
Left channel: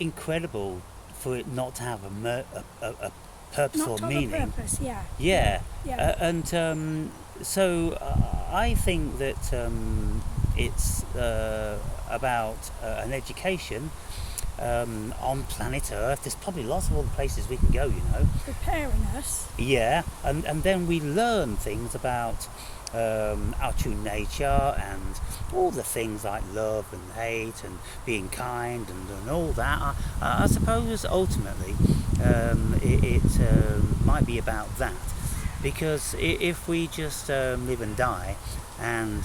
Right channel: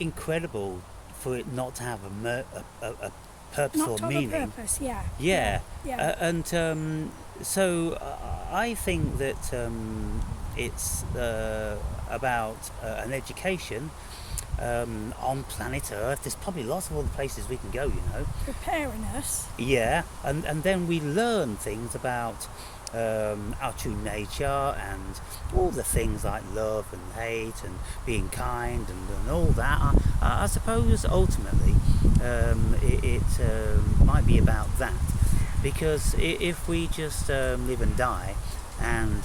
incredible for it not to have a purpose Not or to have meaning. a purpose, yeah. Yeah. Yeah. And so I think that it's about an education on planet Earth. There's probably lots of other places we can go, you know. Preparing us. Yeah, and then we learn things about our true nature and all the things like love and hate and being kind and all that. I suppose ultimately it might be about that, because if we just live and die and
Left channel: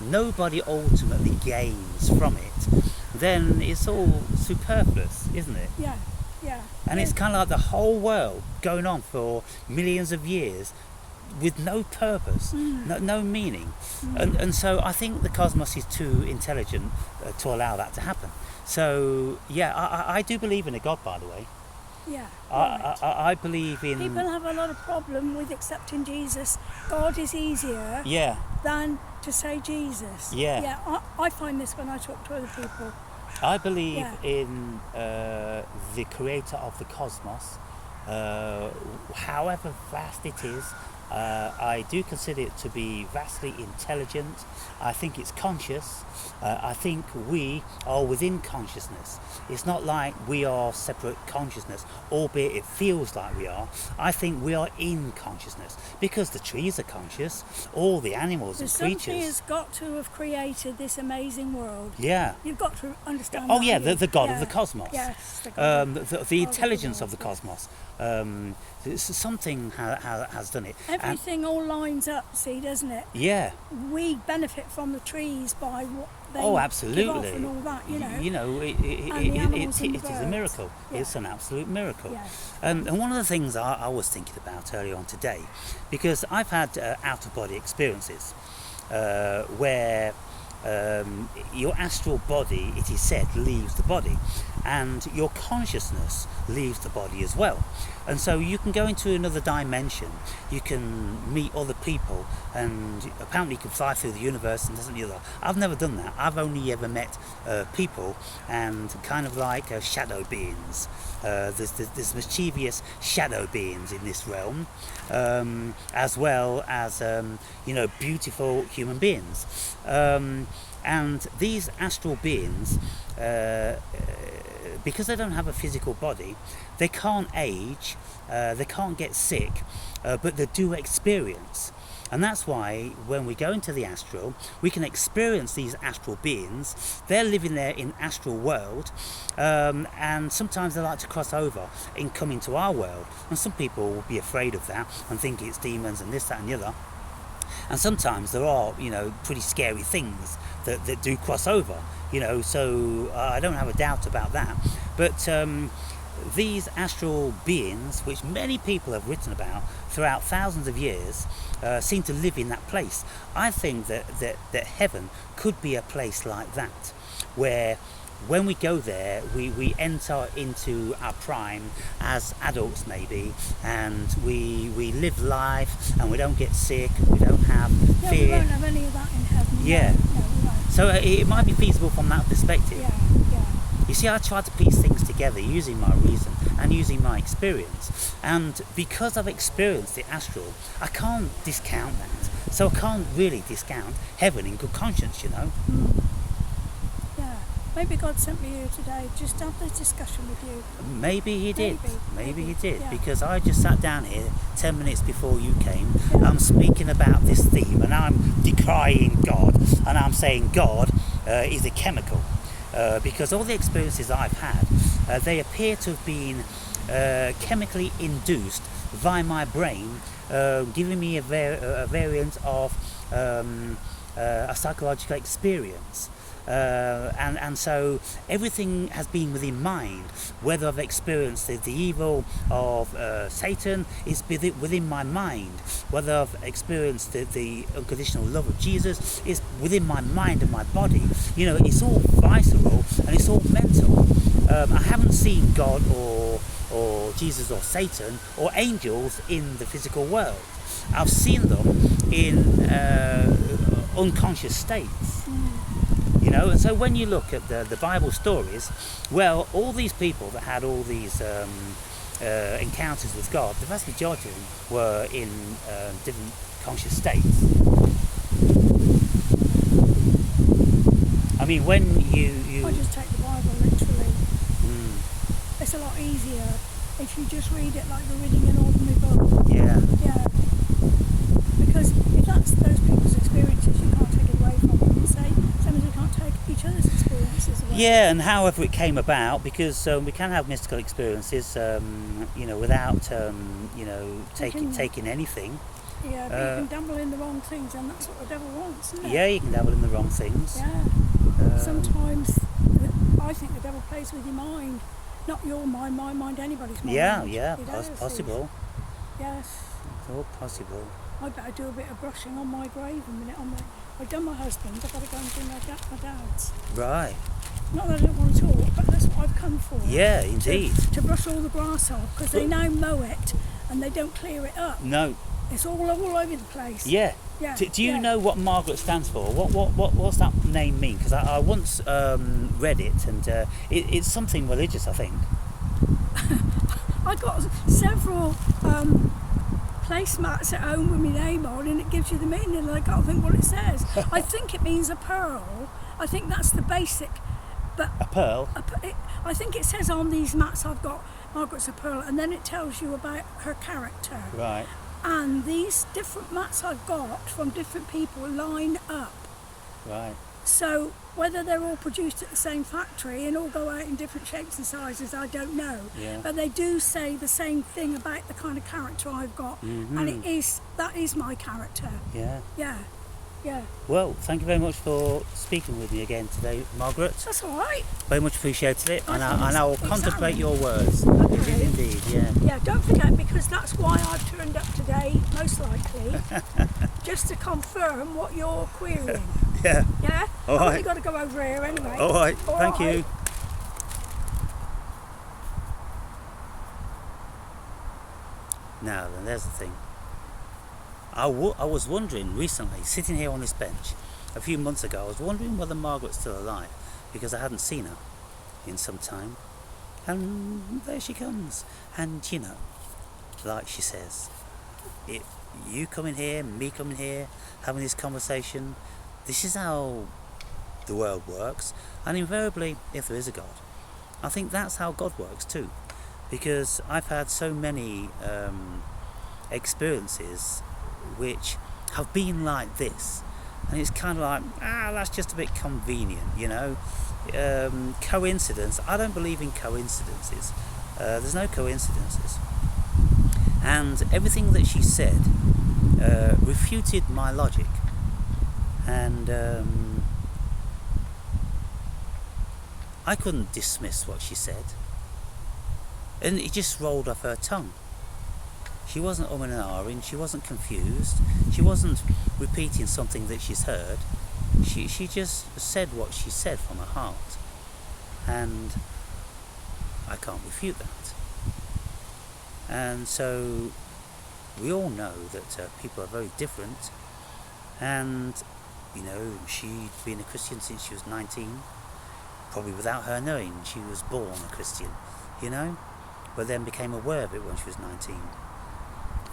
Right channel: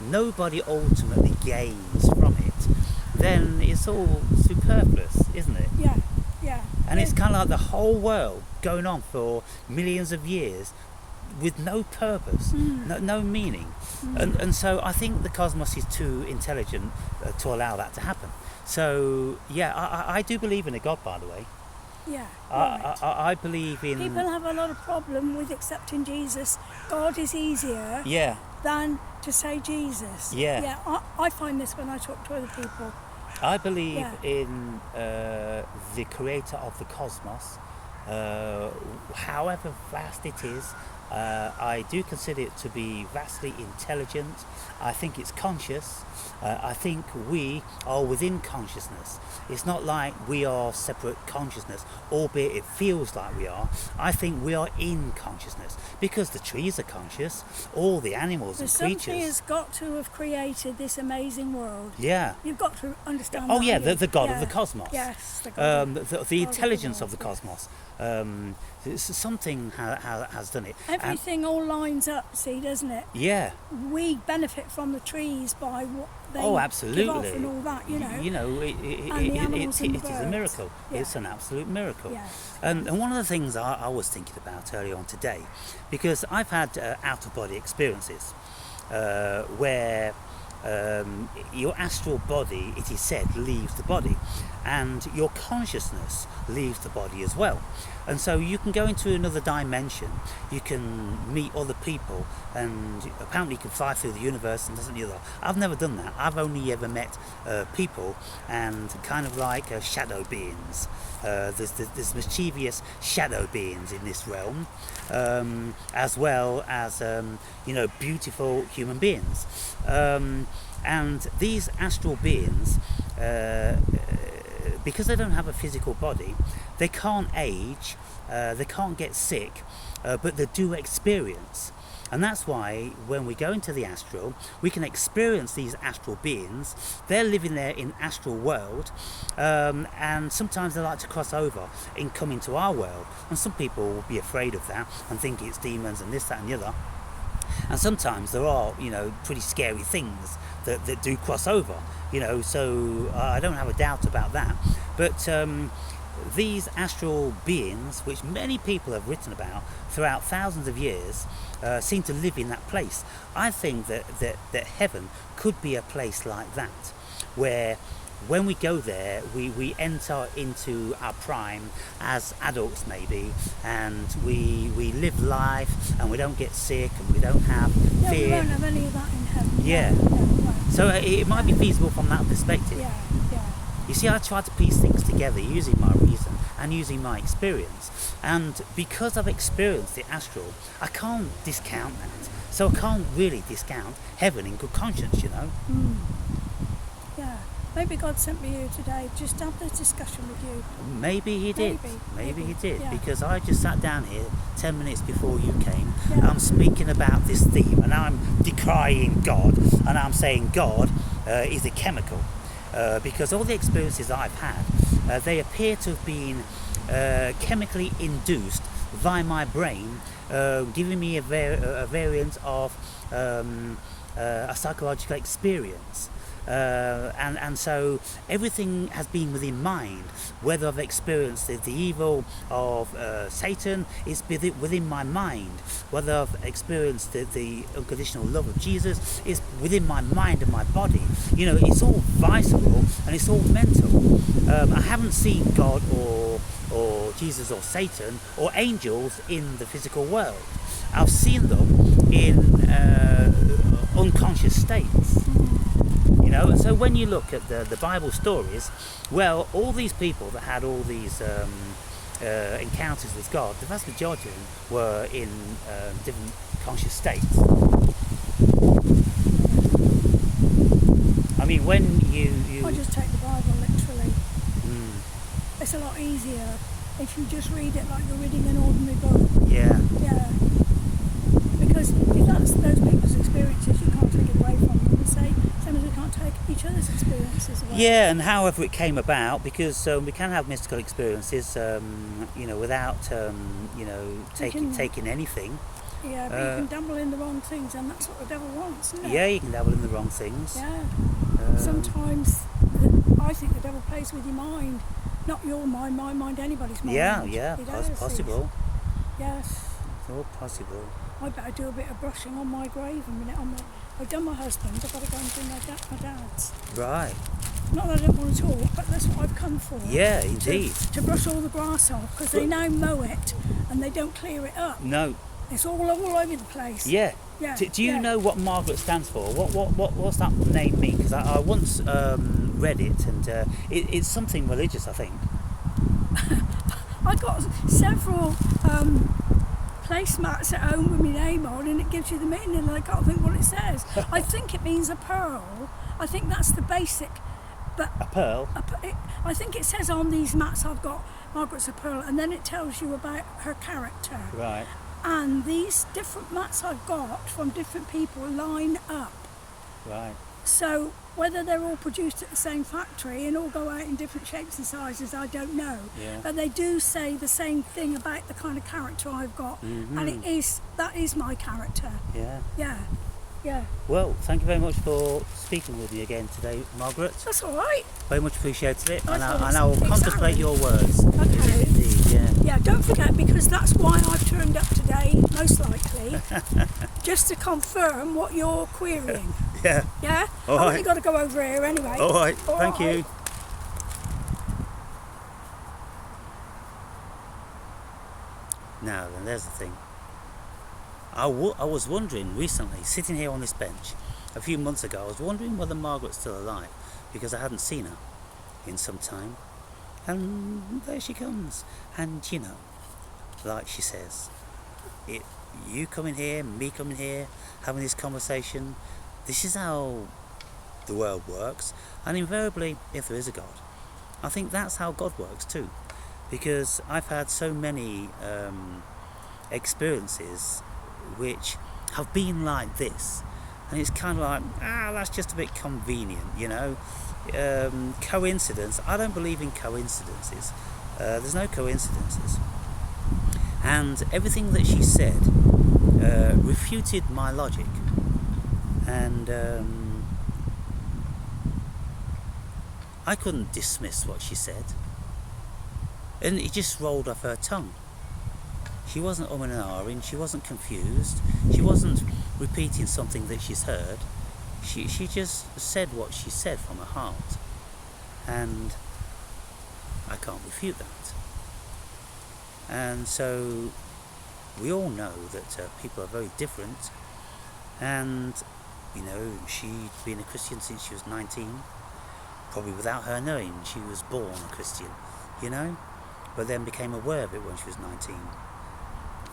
nobody ultimately gains from it, then it's all superfluous, isn't it? Yeah, yeah. And it's kind of like the whole world going on for millions of years with no purpose, no meaning. And so I think the cosmos is too intelligent to allow that to happen. So, yeah, I do believe in a God, by the way. Yeah. I believe in... People have a lot of problem with accepting Jesus. God is easier Yeah, than to say Jesus. Yeah. Yeah, I find this when I talk to other people. I believe Yeah. in the creator of the cosmos, however vast it is. I do consider it to be vastly intelligent. I think it's conscious. I think we are within consciousness. It's not like we are separate consciousness, albeit it feels like we are. I think we are in consciousness because the trees are conscious, all the animals and Something creatures. has got to have created this amazing world. Yeah. You've got to understand Oh that, yeah, haven't you? the God of Yeah. the cosmos. Yes, the God. The intelligence God of the world, cosmos. Something has done it. Everything all lines up, see, doesn't it? Yeah, We benefit from the trees by they Oh, give absolutely. off and all that, you know. You know, it is a miracle. Yeah. It's an absolute miracle. Yes. And one of the things I was thinking about earlier on today, because I've had out-of-body experiences where your astral body, it is said, leaves the body, and your consciousness leaves the body as well. And so you can go into another dimension, you can meet other people, and apparently you can fly through the universe and doesn't the other. I've never done that. I've only ever met people and kind of like shadow beings. There's mischievous shadow beings in this realm, as well as beautiful human beings. And these astral beings, because they don't have a physical body, they can't age, they can't get sick, but they do experience. And that's why when we go into the astral, we can experience these astral beings. They're living there in astral world, and sometimes they like to cross over in coming to our world. And some people will be afraid of that and think it's demons and this, that and the other. And sometimes there are, pretty scary things that do cross over, so I don't have a doubt about that. But these astral beings, which many people have written about throughout thousands of years, seem to live in that place. I think that heaven could be a place like that, where when we go there, we enter into our prime as adults maybe, and we live life, and we don't get sick, we don't have fear. We won't have any of that in heaven. Yeah. No, right. So it might be feasible from that perspective. Yeah. You see, I try to piece things together using my reason and using my experience. And because I've experienced the astral, I can't discount that. So I can't really discount heaven in good conscience, Yeah. Maybe God sent me here today just to have this discussion with you. Maybe he did. Maybe he did. Yeah. Because I just sat down here 10 minutes before you came. Yeah. I'm speaking about this theme, and I'm decrying God, and I'm saying God is a chemical. Because all the experiences I've had, they appear to have been chemically induced via my brain, giving me a variant of a psychological experience. And so everything has been within mind. Whether I've experienced the evil of Satan is within my mind. Whether I've experienced the unconditional love of Jesus is within my mind and my body. It's all visceral and it's all mental. I haven't seen God or Jesus or Satan or angels in the physical world. I've seen them in unconscious states. And so when you look at the Bible stories, well, all these people that had all these encounters with God, the vast majority of them were in different conscious states. I mean, when you I just take the Bible literally. It's a lot easier if you just read it like you're reading an ordinary book. Yeah. Because if that's those people's experiences, we can't take it away from them and say, same as we can't take each other's experiences away. Yeah, and however it came about, because we can have mystical experiences, without, taking anything. Yeah, but you can dabble in the wrong things, and that's what the devil wants, isn't it? Yeah, you can dabble in the wrong things. Yeah. Sometimes I think the devil plays with your mind. Not your mind, my mind, anybody's mind. Yeah, possible. Yes. It's all possible. I better do a bit of brushing on my grave a minute. I've done my husband's, I've got to go and do my dad's. Right. Not that I don't want to talk, but that's what I've come for. Yeah, indeed. To brush all the grass off, because they now mow it and they don't clear it up. No. It's all over the place. Yeah. Yeah. Do you know what Margaret stands for? What's that name mean? Because I once read it, and it's something religious, I think. I got several placemats at home with my name on, and it gives you the meaning, and I can't think what it says. I think it means a pearl. I think that's the basic. But a pearl? I think it says on these mats I've got Margaret's a pearl, and then it tells you about her character. Right. And these different mats I've got from different people line up. Right. So whether they're all produced at the same factory and all go out in different shapes and sizes, I don't know. Yeah. But they do say the same thing about the kind of character I've got, and that is my character. Yeah. Yeah. Yeah, Well, thank you very much for speaking with me again today, Margaret. that's all right. Very much appreciated it, and thought I will exactly. contemplate your words. Okay. It is indeed, yeah. Yeah, don't forget, because that's why I've turned up today, most likely, just to confirm what you're querying. Yeah. Yeah? All I've right. only got to go over here anyway. All right. All Thank right. you. Now then, there's the thing. I was wondering recently, sitting here on this bench, a few months ago, I was wondering whether Margaret's still alive, because I hadn't seen her in some time. And there she comes. And, you know, like she says, you coming here, me coming here, having this conversation, this is how the world works. And invariably, if there is a God, I think that's how God works too. Because I've had so many experiences which have been like this, and it's kind of like, that's just a bit convenient, you know. Coincidence, I don't believe in coincidences. There's no coincidences. And everything that she said refuted my logic, and I couldn't dismiss what she said, and it just rolled off her tongue. She wasn't and ahhing, she wasn't confused, she wasn't repeating something that she's heard. She just said what she said from her heart, and I can't refute that. And so we all know that people are very different, and you know, she'd been a Christian since she was 19, probably without her knowing. She was born a Christian, you know, but then became aware of it when she was 19.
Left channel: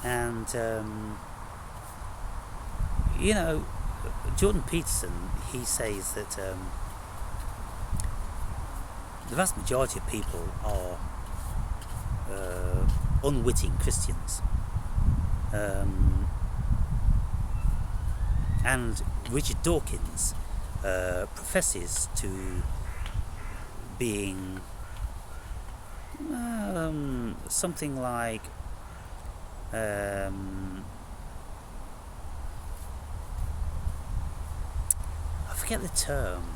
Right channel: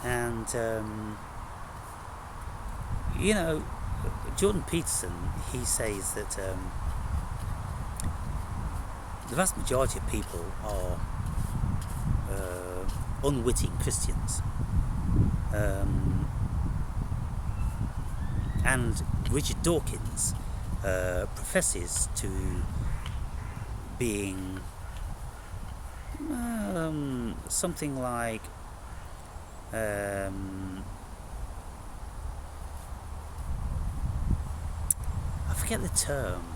And you know, Jordan Peterson, he says that the vast majority of people are unwitting Christians, and Richard Dawkins professes to being something like I forget the term,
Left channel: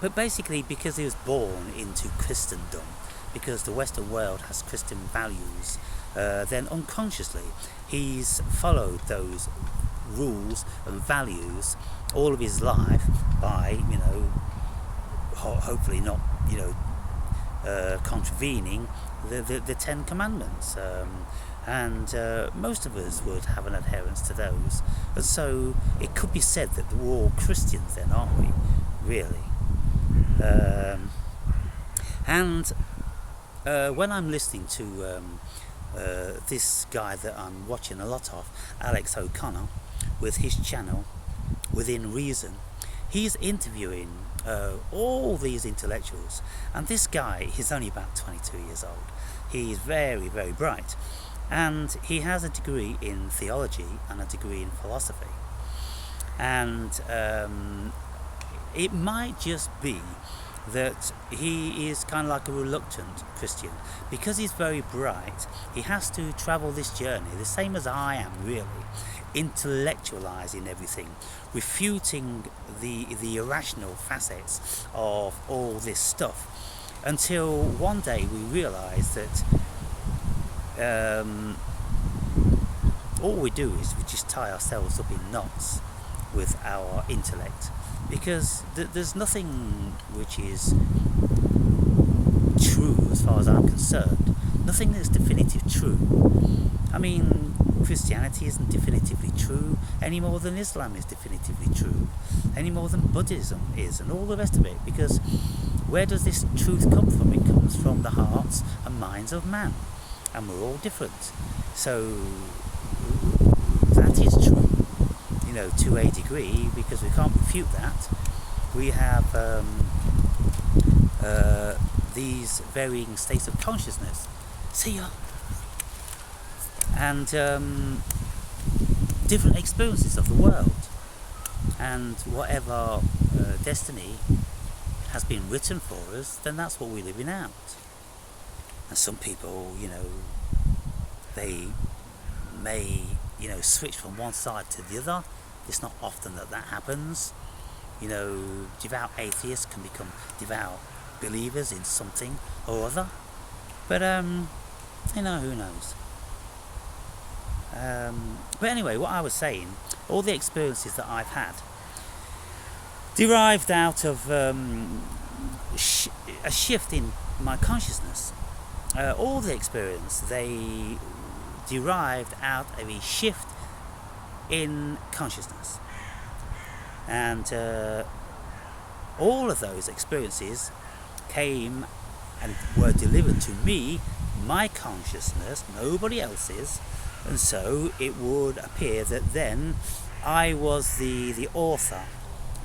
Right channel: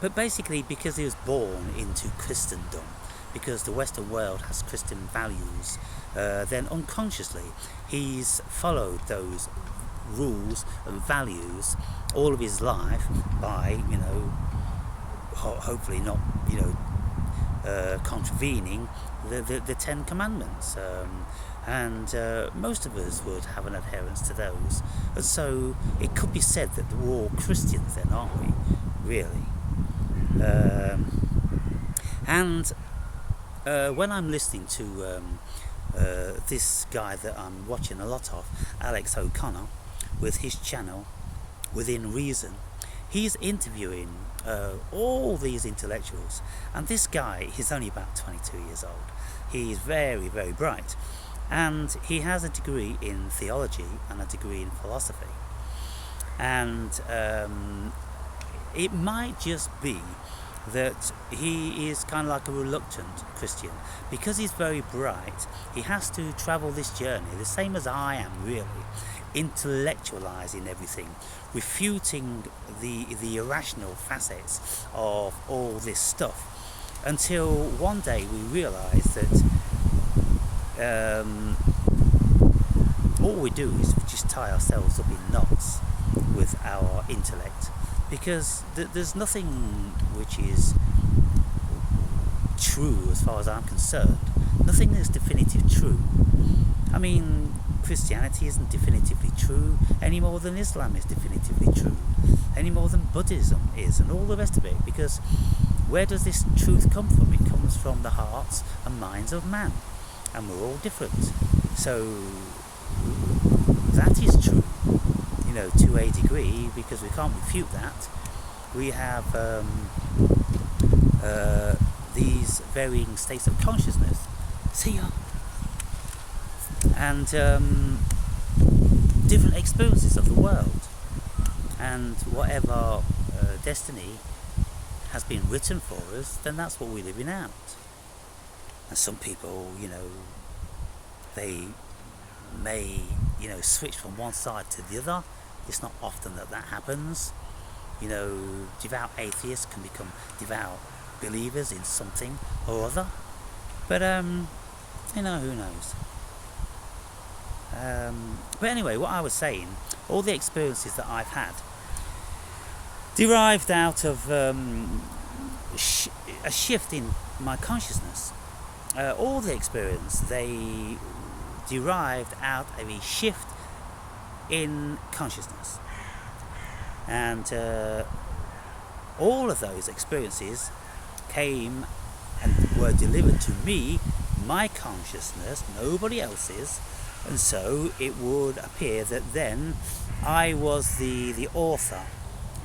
but basically because he was born into Christendom, because the Western world has Christian values, then unconsciously he's followed those rules and values all of his life by, you know, hopefully not, you know, contravening the Ten Commandments, and most of us would have an adherence to those, and so it could be said that we're all Christians then, aren't we, really? And when I'm listening to this guy that I'm watching a lot of, Alex O'Connor, with his channel Within Reason, he's interviewing all these intellectuals, and this guy is only about 22 years old. He's very, very bright, and he has a degree in theology and a degree in philosophy, and it might just be that he is kind of like a reluctant Christian. Because he's very bright, he has to travel this journey, the same as I am, really, intellectualizing everything, refuting the irrational facets of all this stuff, until one day we realize that all we do is just tie ourselves up in knots with our intellect, because there's nothing which is true as far as I'm concerned. Nothing is definitive true. I mean, Christianity isn't definitively true any more than Islam is definitively true, any more than Buddhism is, and all the rest of it, because where does this truth come from? It comes from the hearts and minds of man, and we're all different. So that is true, you know, to a degree, because we can't refute that. We have these varying states of consciousness. See ya. And different experiences of the world, and whatever destiny has been written for us, then that's what we're living out. And some people, you know, they may, you know, switch from one side to the other, It's not often that happens. You know, devout atheists can become devout believers in something or other. But, you know, who knows? But anyway, what I was saying, all the experiences that I've had derived out of a shift in my consciousness. All the experience, they derived out of a shift in consciousness. And all of those experiences came and were delivered to me, my consciousness, nobody else's. And so it would appear that then I was the author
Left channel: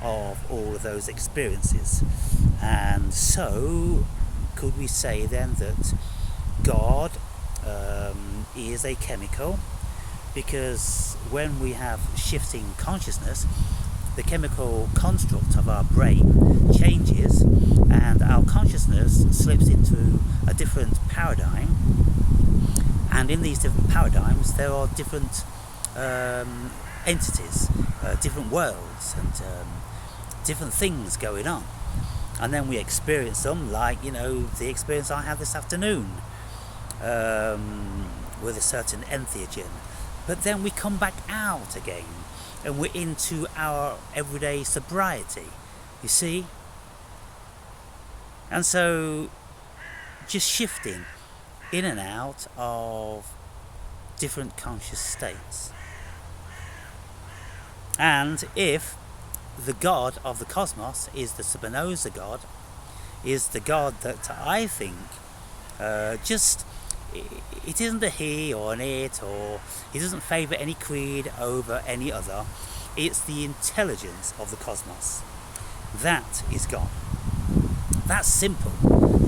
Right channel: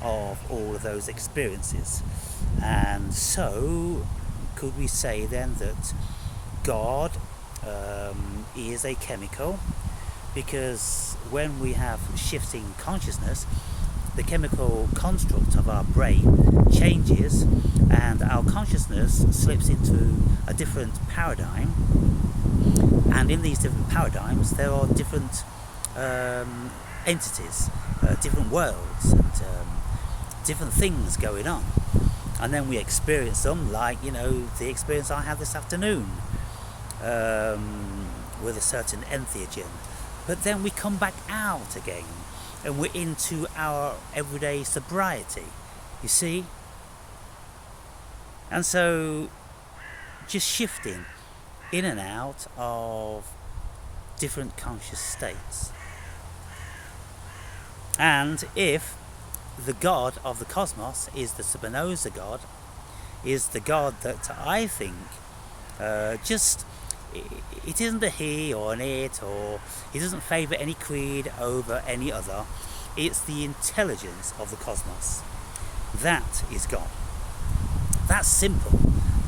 of all of those experiences. And so could we say then that God is a chemical? Because when we have shifting consciousness, the chemical construct of our brain changes and our consciousness slips into a different paradigm. And in these different paradigms there are different entities, different worlds and different things going on. And then we experience them, like, you know, the experience I had this afternoon with a certain entheogen. But then we come back out again and we're into our everyday sobriety, you see? And so just shifting in and out of different conscious states. And if the God of the cosmos is the Spinoza God, is the God that I think it isn't a he or an it, or he doesn't favour any creed over any other. It's the intelligence of the cosmos. That is God. That's simple.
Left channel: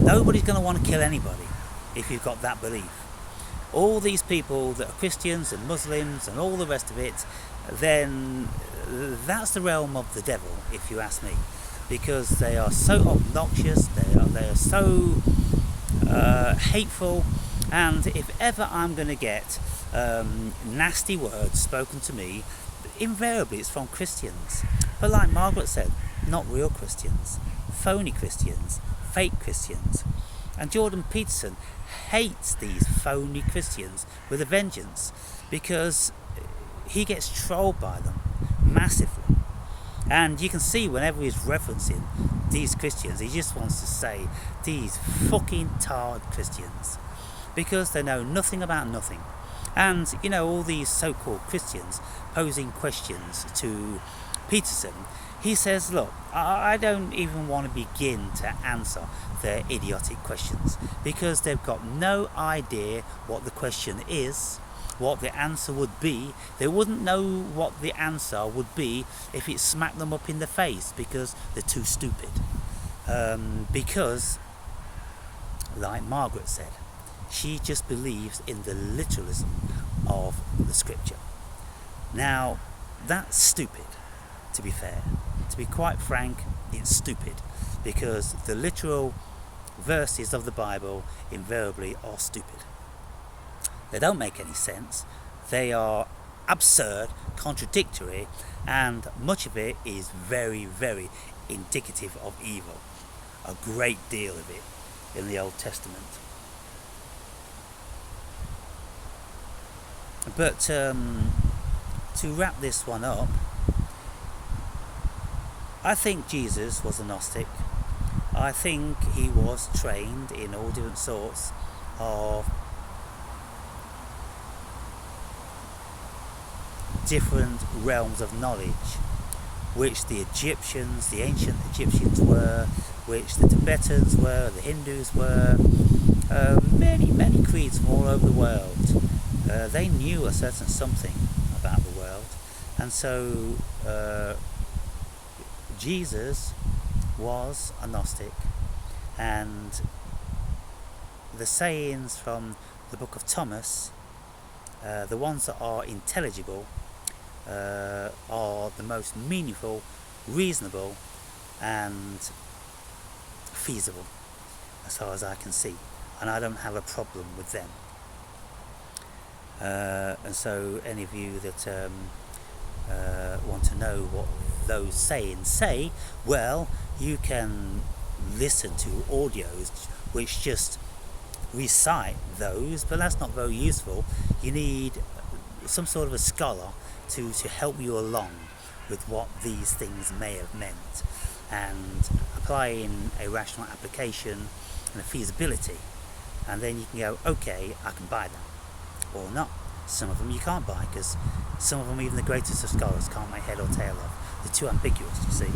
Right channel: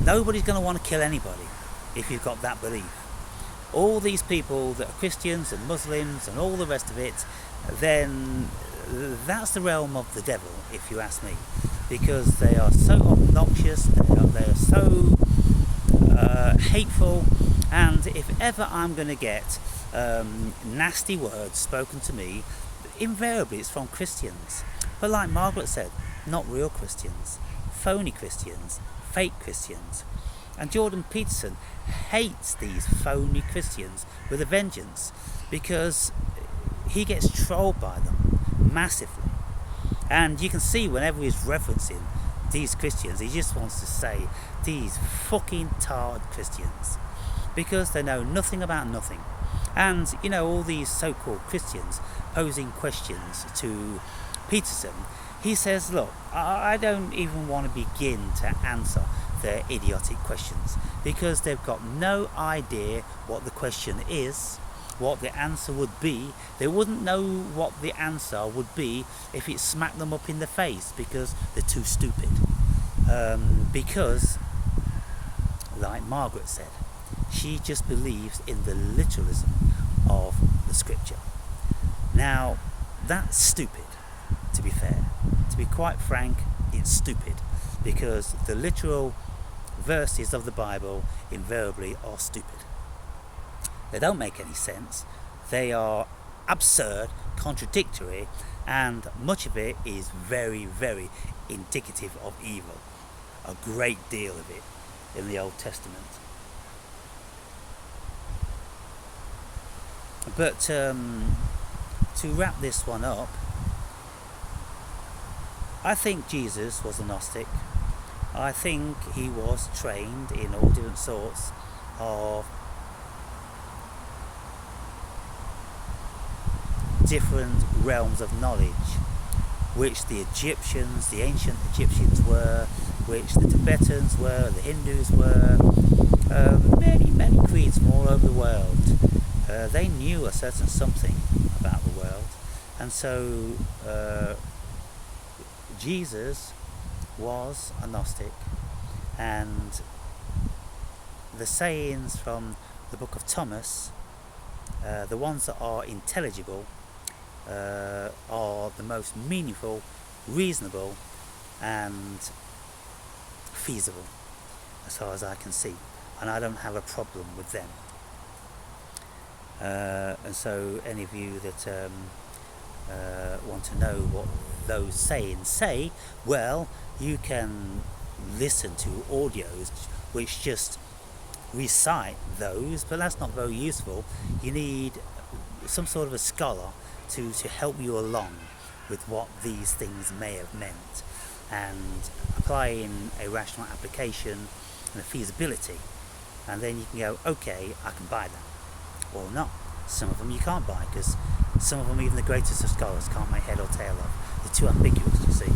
Nobody's going to want to kill anybody if you've got that belief. All these people that are Christians and Muslims and all the rest of it, then that's the realm of the devil, if you ask me, because they are so obnoxious, they are so hateful. And if ever I'm going to get nasty words spoken to me, invariably it's from Christians. But like Margaret said, not real Christians, phony Christians, fake Christians. And Jordan Peterson hates these phony Christians with a vengeance, because he gets trolled by them massively. And you can see whenever he's referencing these Christians, he just wants to say, these fucking tard Christians, because they know nothing about nothing. And, you know, all these so-called Christians posing questions to Peterson, he says, look, I don't even want to begin to answer their idiotic questions, because they've got no idea what the question is, what the answer would be. They wouldn't know what the answer would be if it smacked them up in the face, because they're too stupid. Because, like Margaret said, she just believes in the literalism of the scripture. Now, that's stupid, to be fair. To be quite frank, it's stupid, because the literal verses of the Bible invariably are stupid. They don't make any sense. They are absurd, contradictory, and much of it is very, very indicative of evil. A great deal of it in the Old Testament. But to wrap this one up, I think Jesus was a Gnostic. I think he was trained in all different sorts of different realms of knowledge, which the Egyptians, the ancient Egyptians were, which the Tibetans were, the Hindus were, many, many creeds from all over the world. They knew a certain something about the world, and so Jesus was a Gnostic, and the sayings from the book of Thomas, the ones that are intelligible, are the most meaningful, reasonable and feasible as far as I can see, and I don't have a problem with them. And so any of you that want to know what those say and say, well, you can listen to audios which just recite those, but that's not very useful. You need some sort of a scholar to help you along with what these things may have meant, and applying a rational application and a feasibility, and then you can go, okay, I can buy that, or not. Some of them you can't buy, because some of them even the greatest of scholars can't make head or tail of. They're too ambiguous, you see.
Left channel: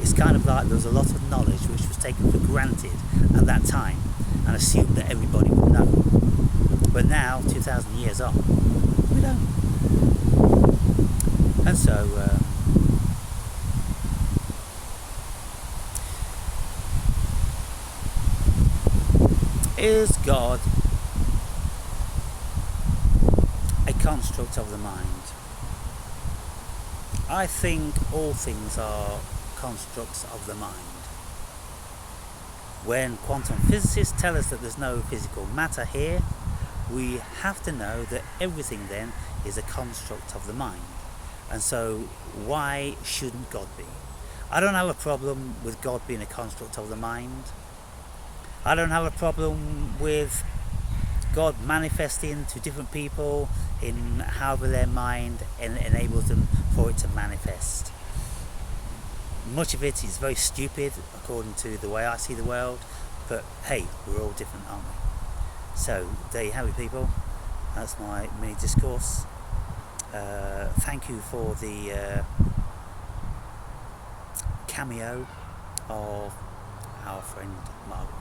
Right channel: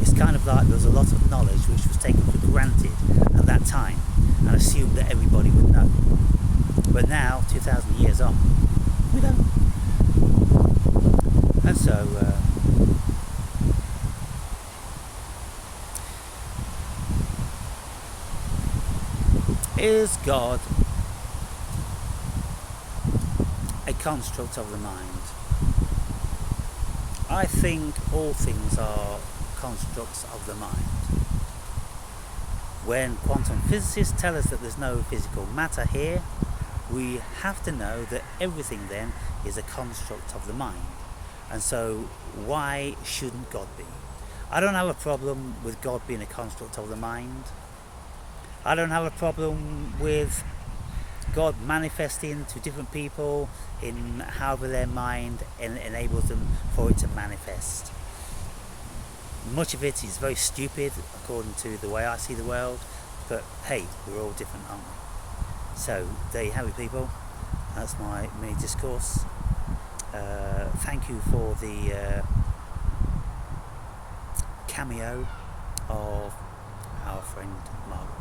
It's kind of like there was a lot of knowledge which was taken for granted at that time and assumed that everybody would know. But now, 2,000 years on, we don't. And so, is God a construct of the mind? I think all things are constructs of the mind. When quantum physicists tell us that there's no physical matter here, we have to know that everything then is a construct of the mind. And so why shouldn't God be? I don't have a problem with God being a construct of the mind. I don't have a problem with God manifesting to different people in however their mind enables them for it to manifest. Much of it is very stupid according to the way I see the world, but hey, we're all different, aren't we? So there you have it, people. That's my mini discourse. Thank you for the cameo of our friend Margaret.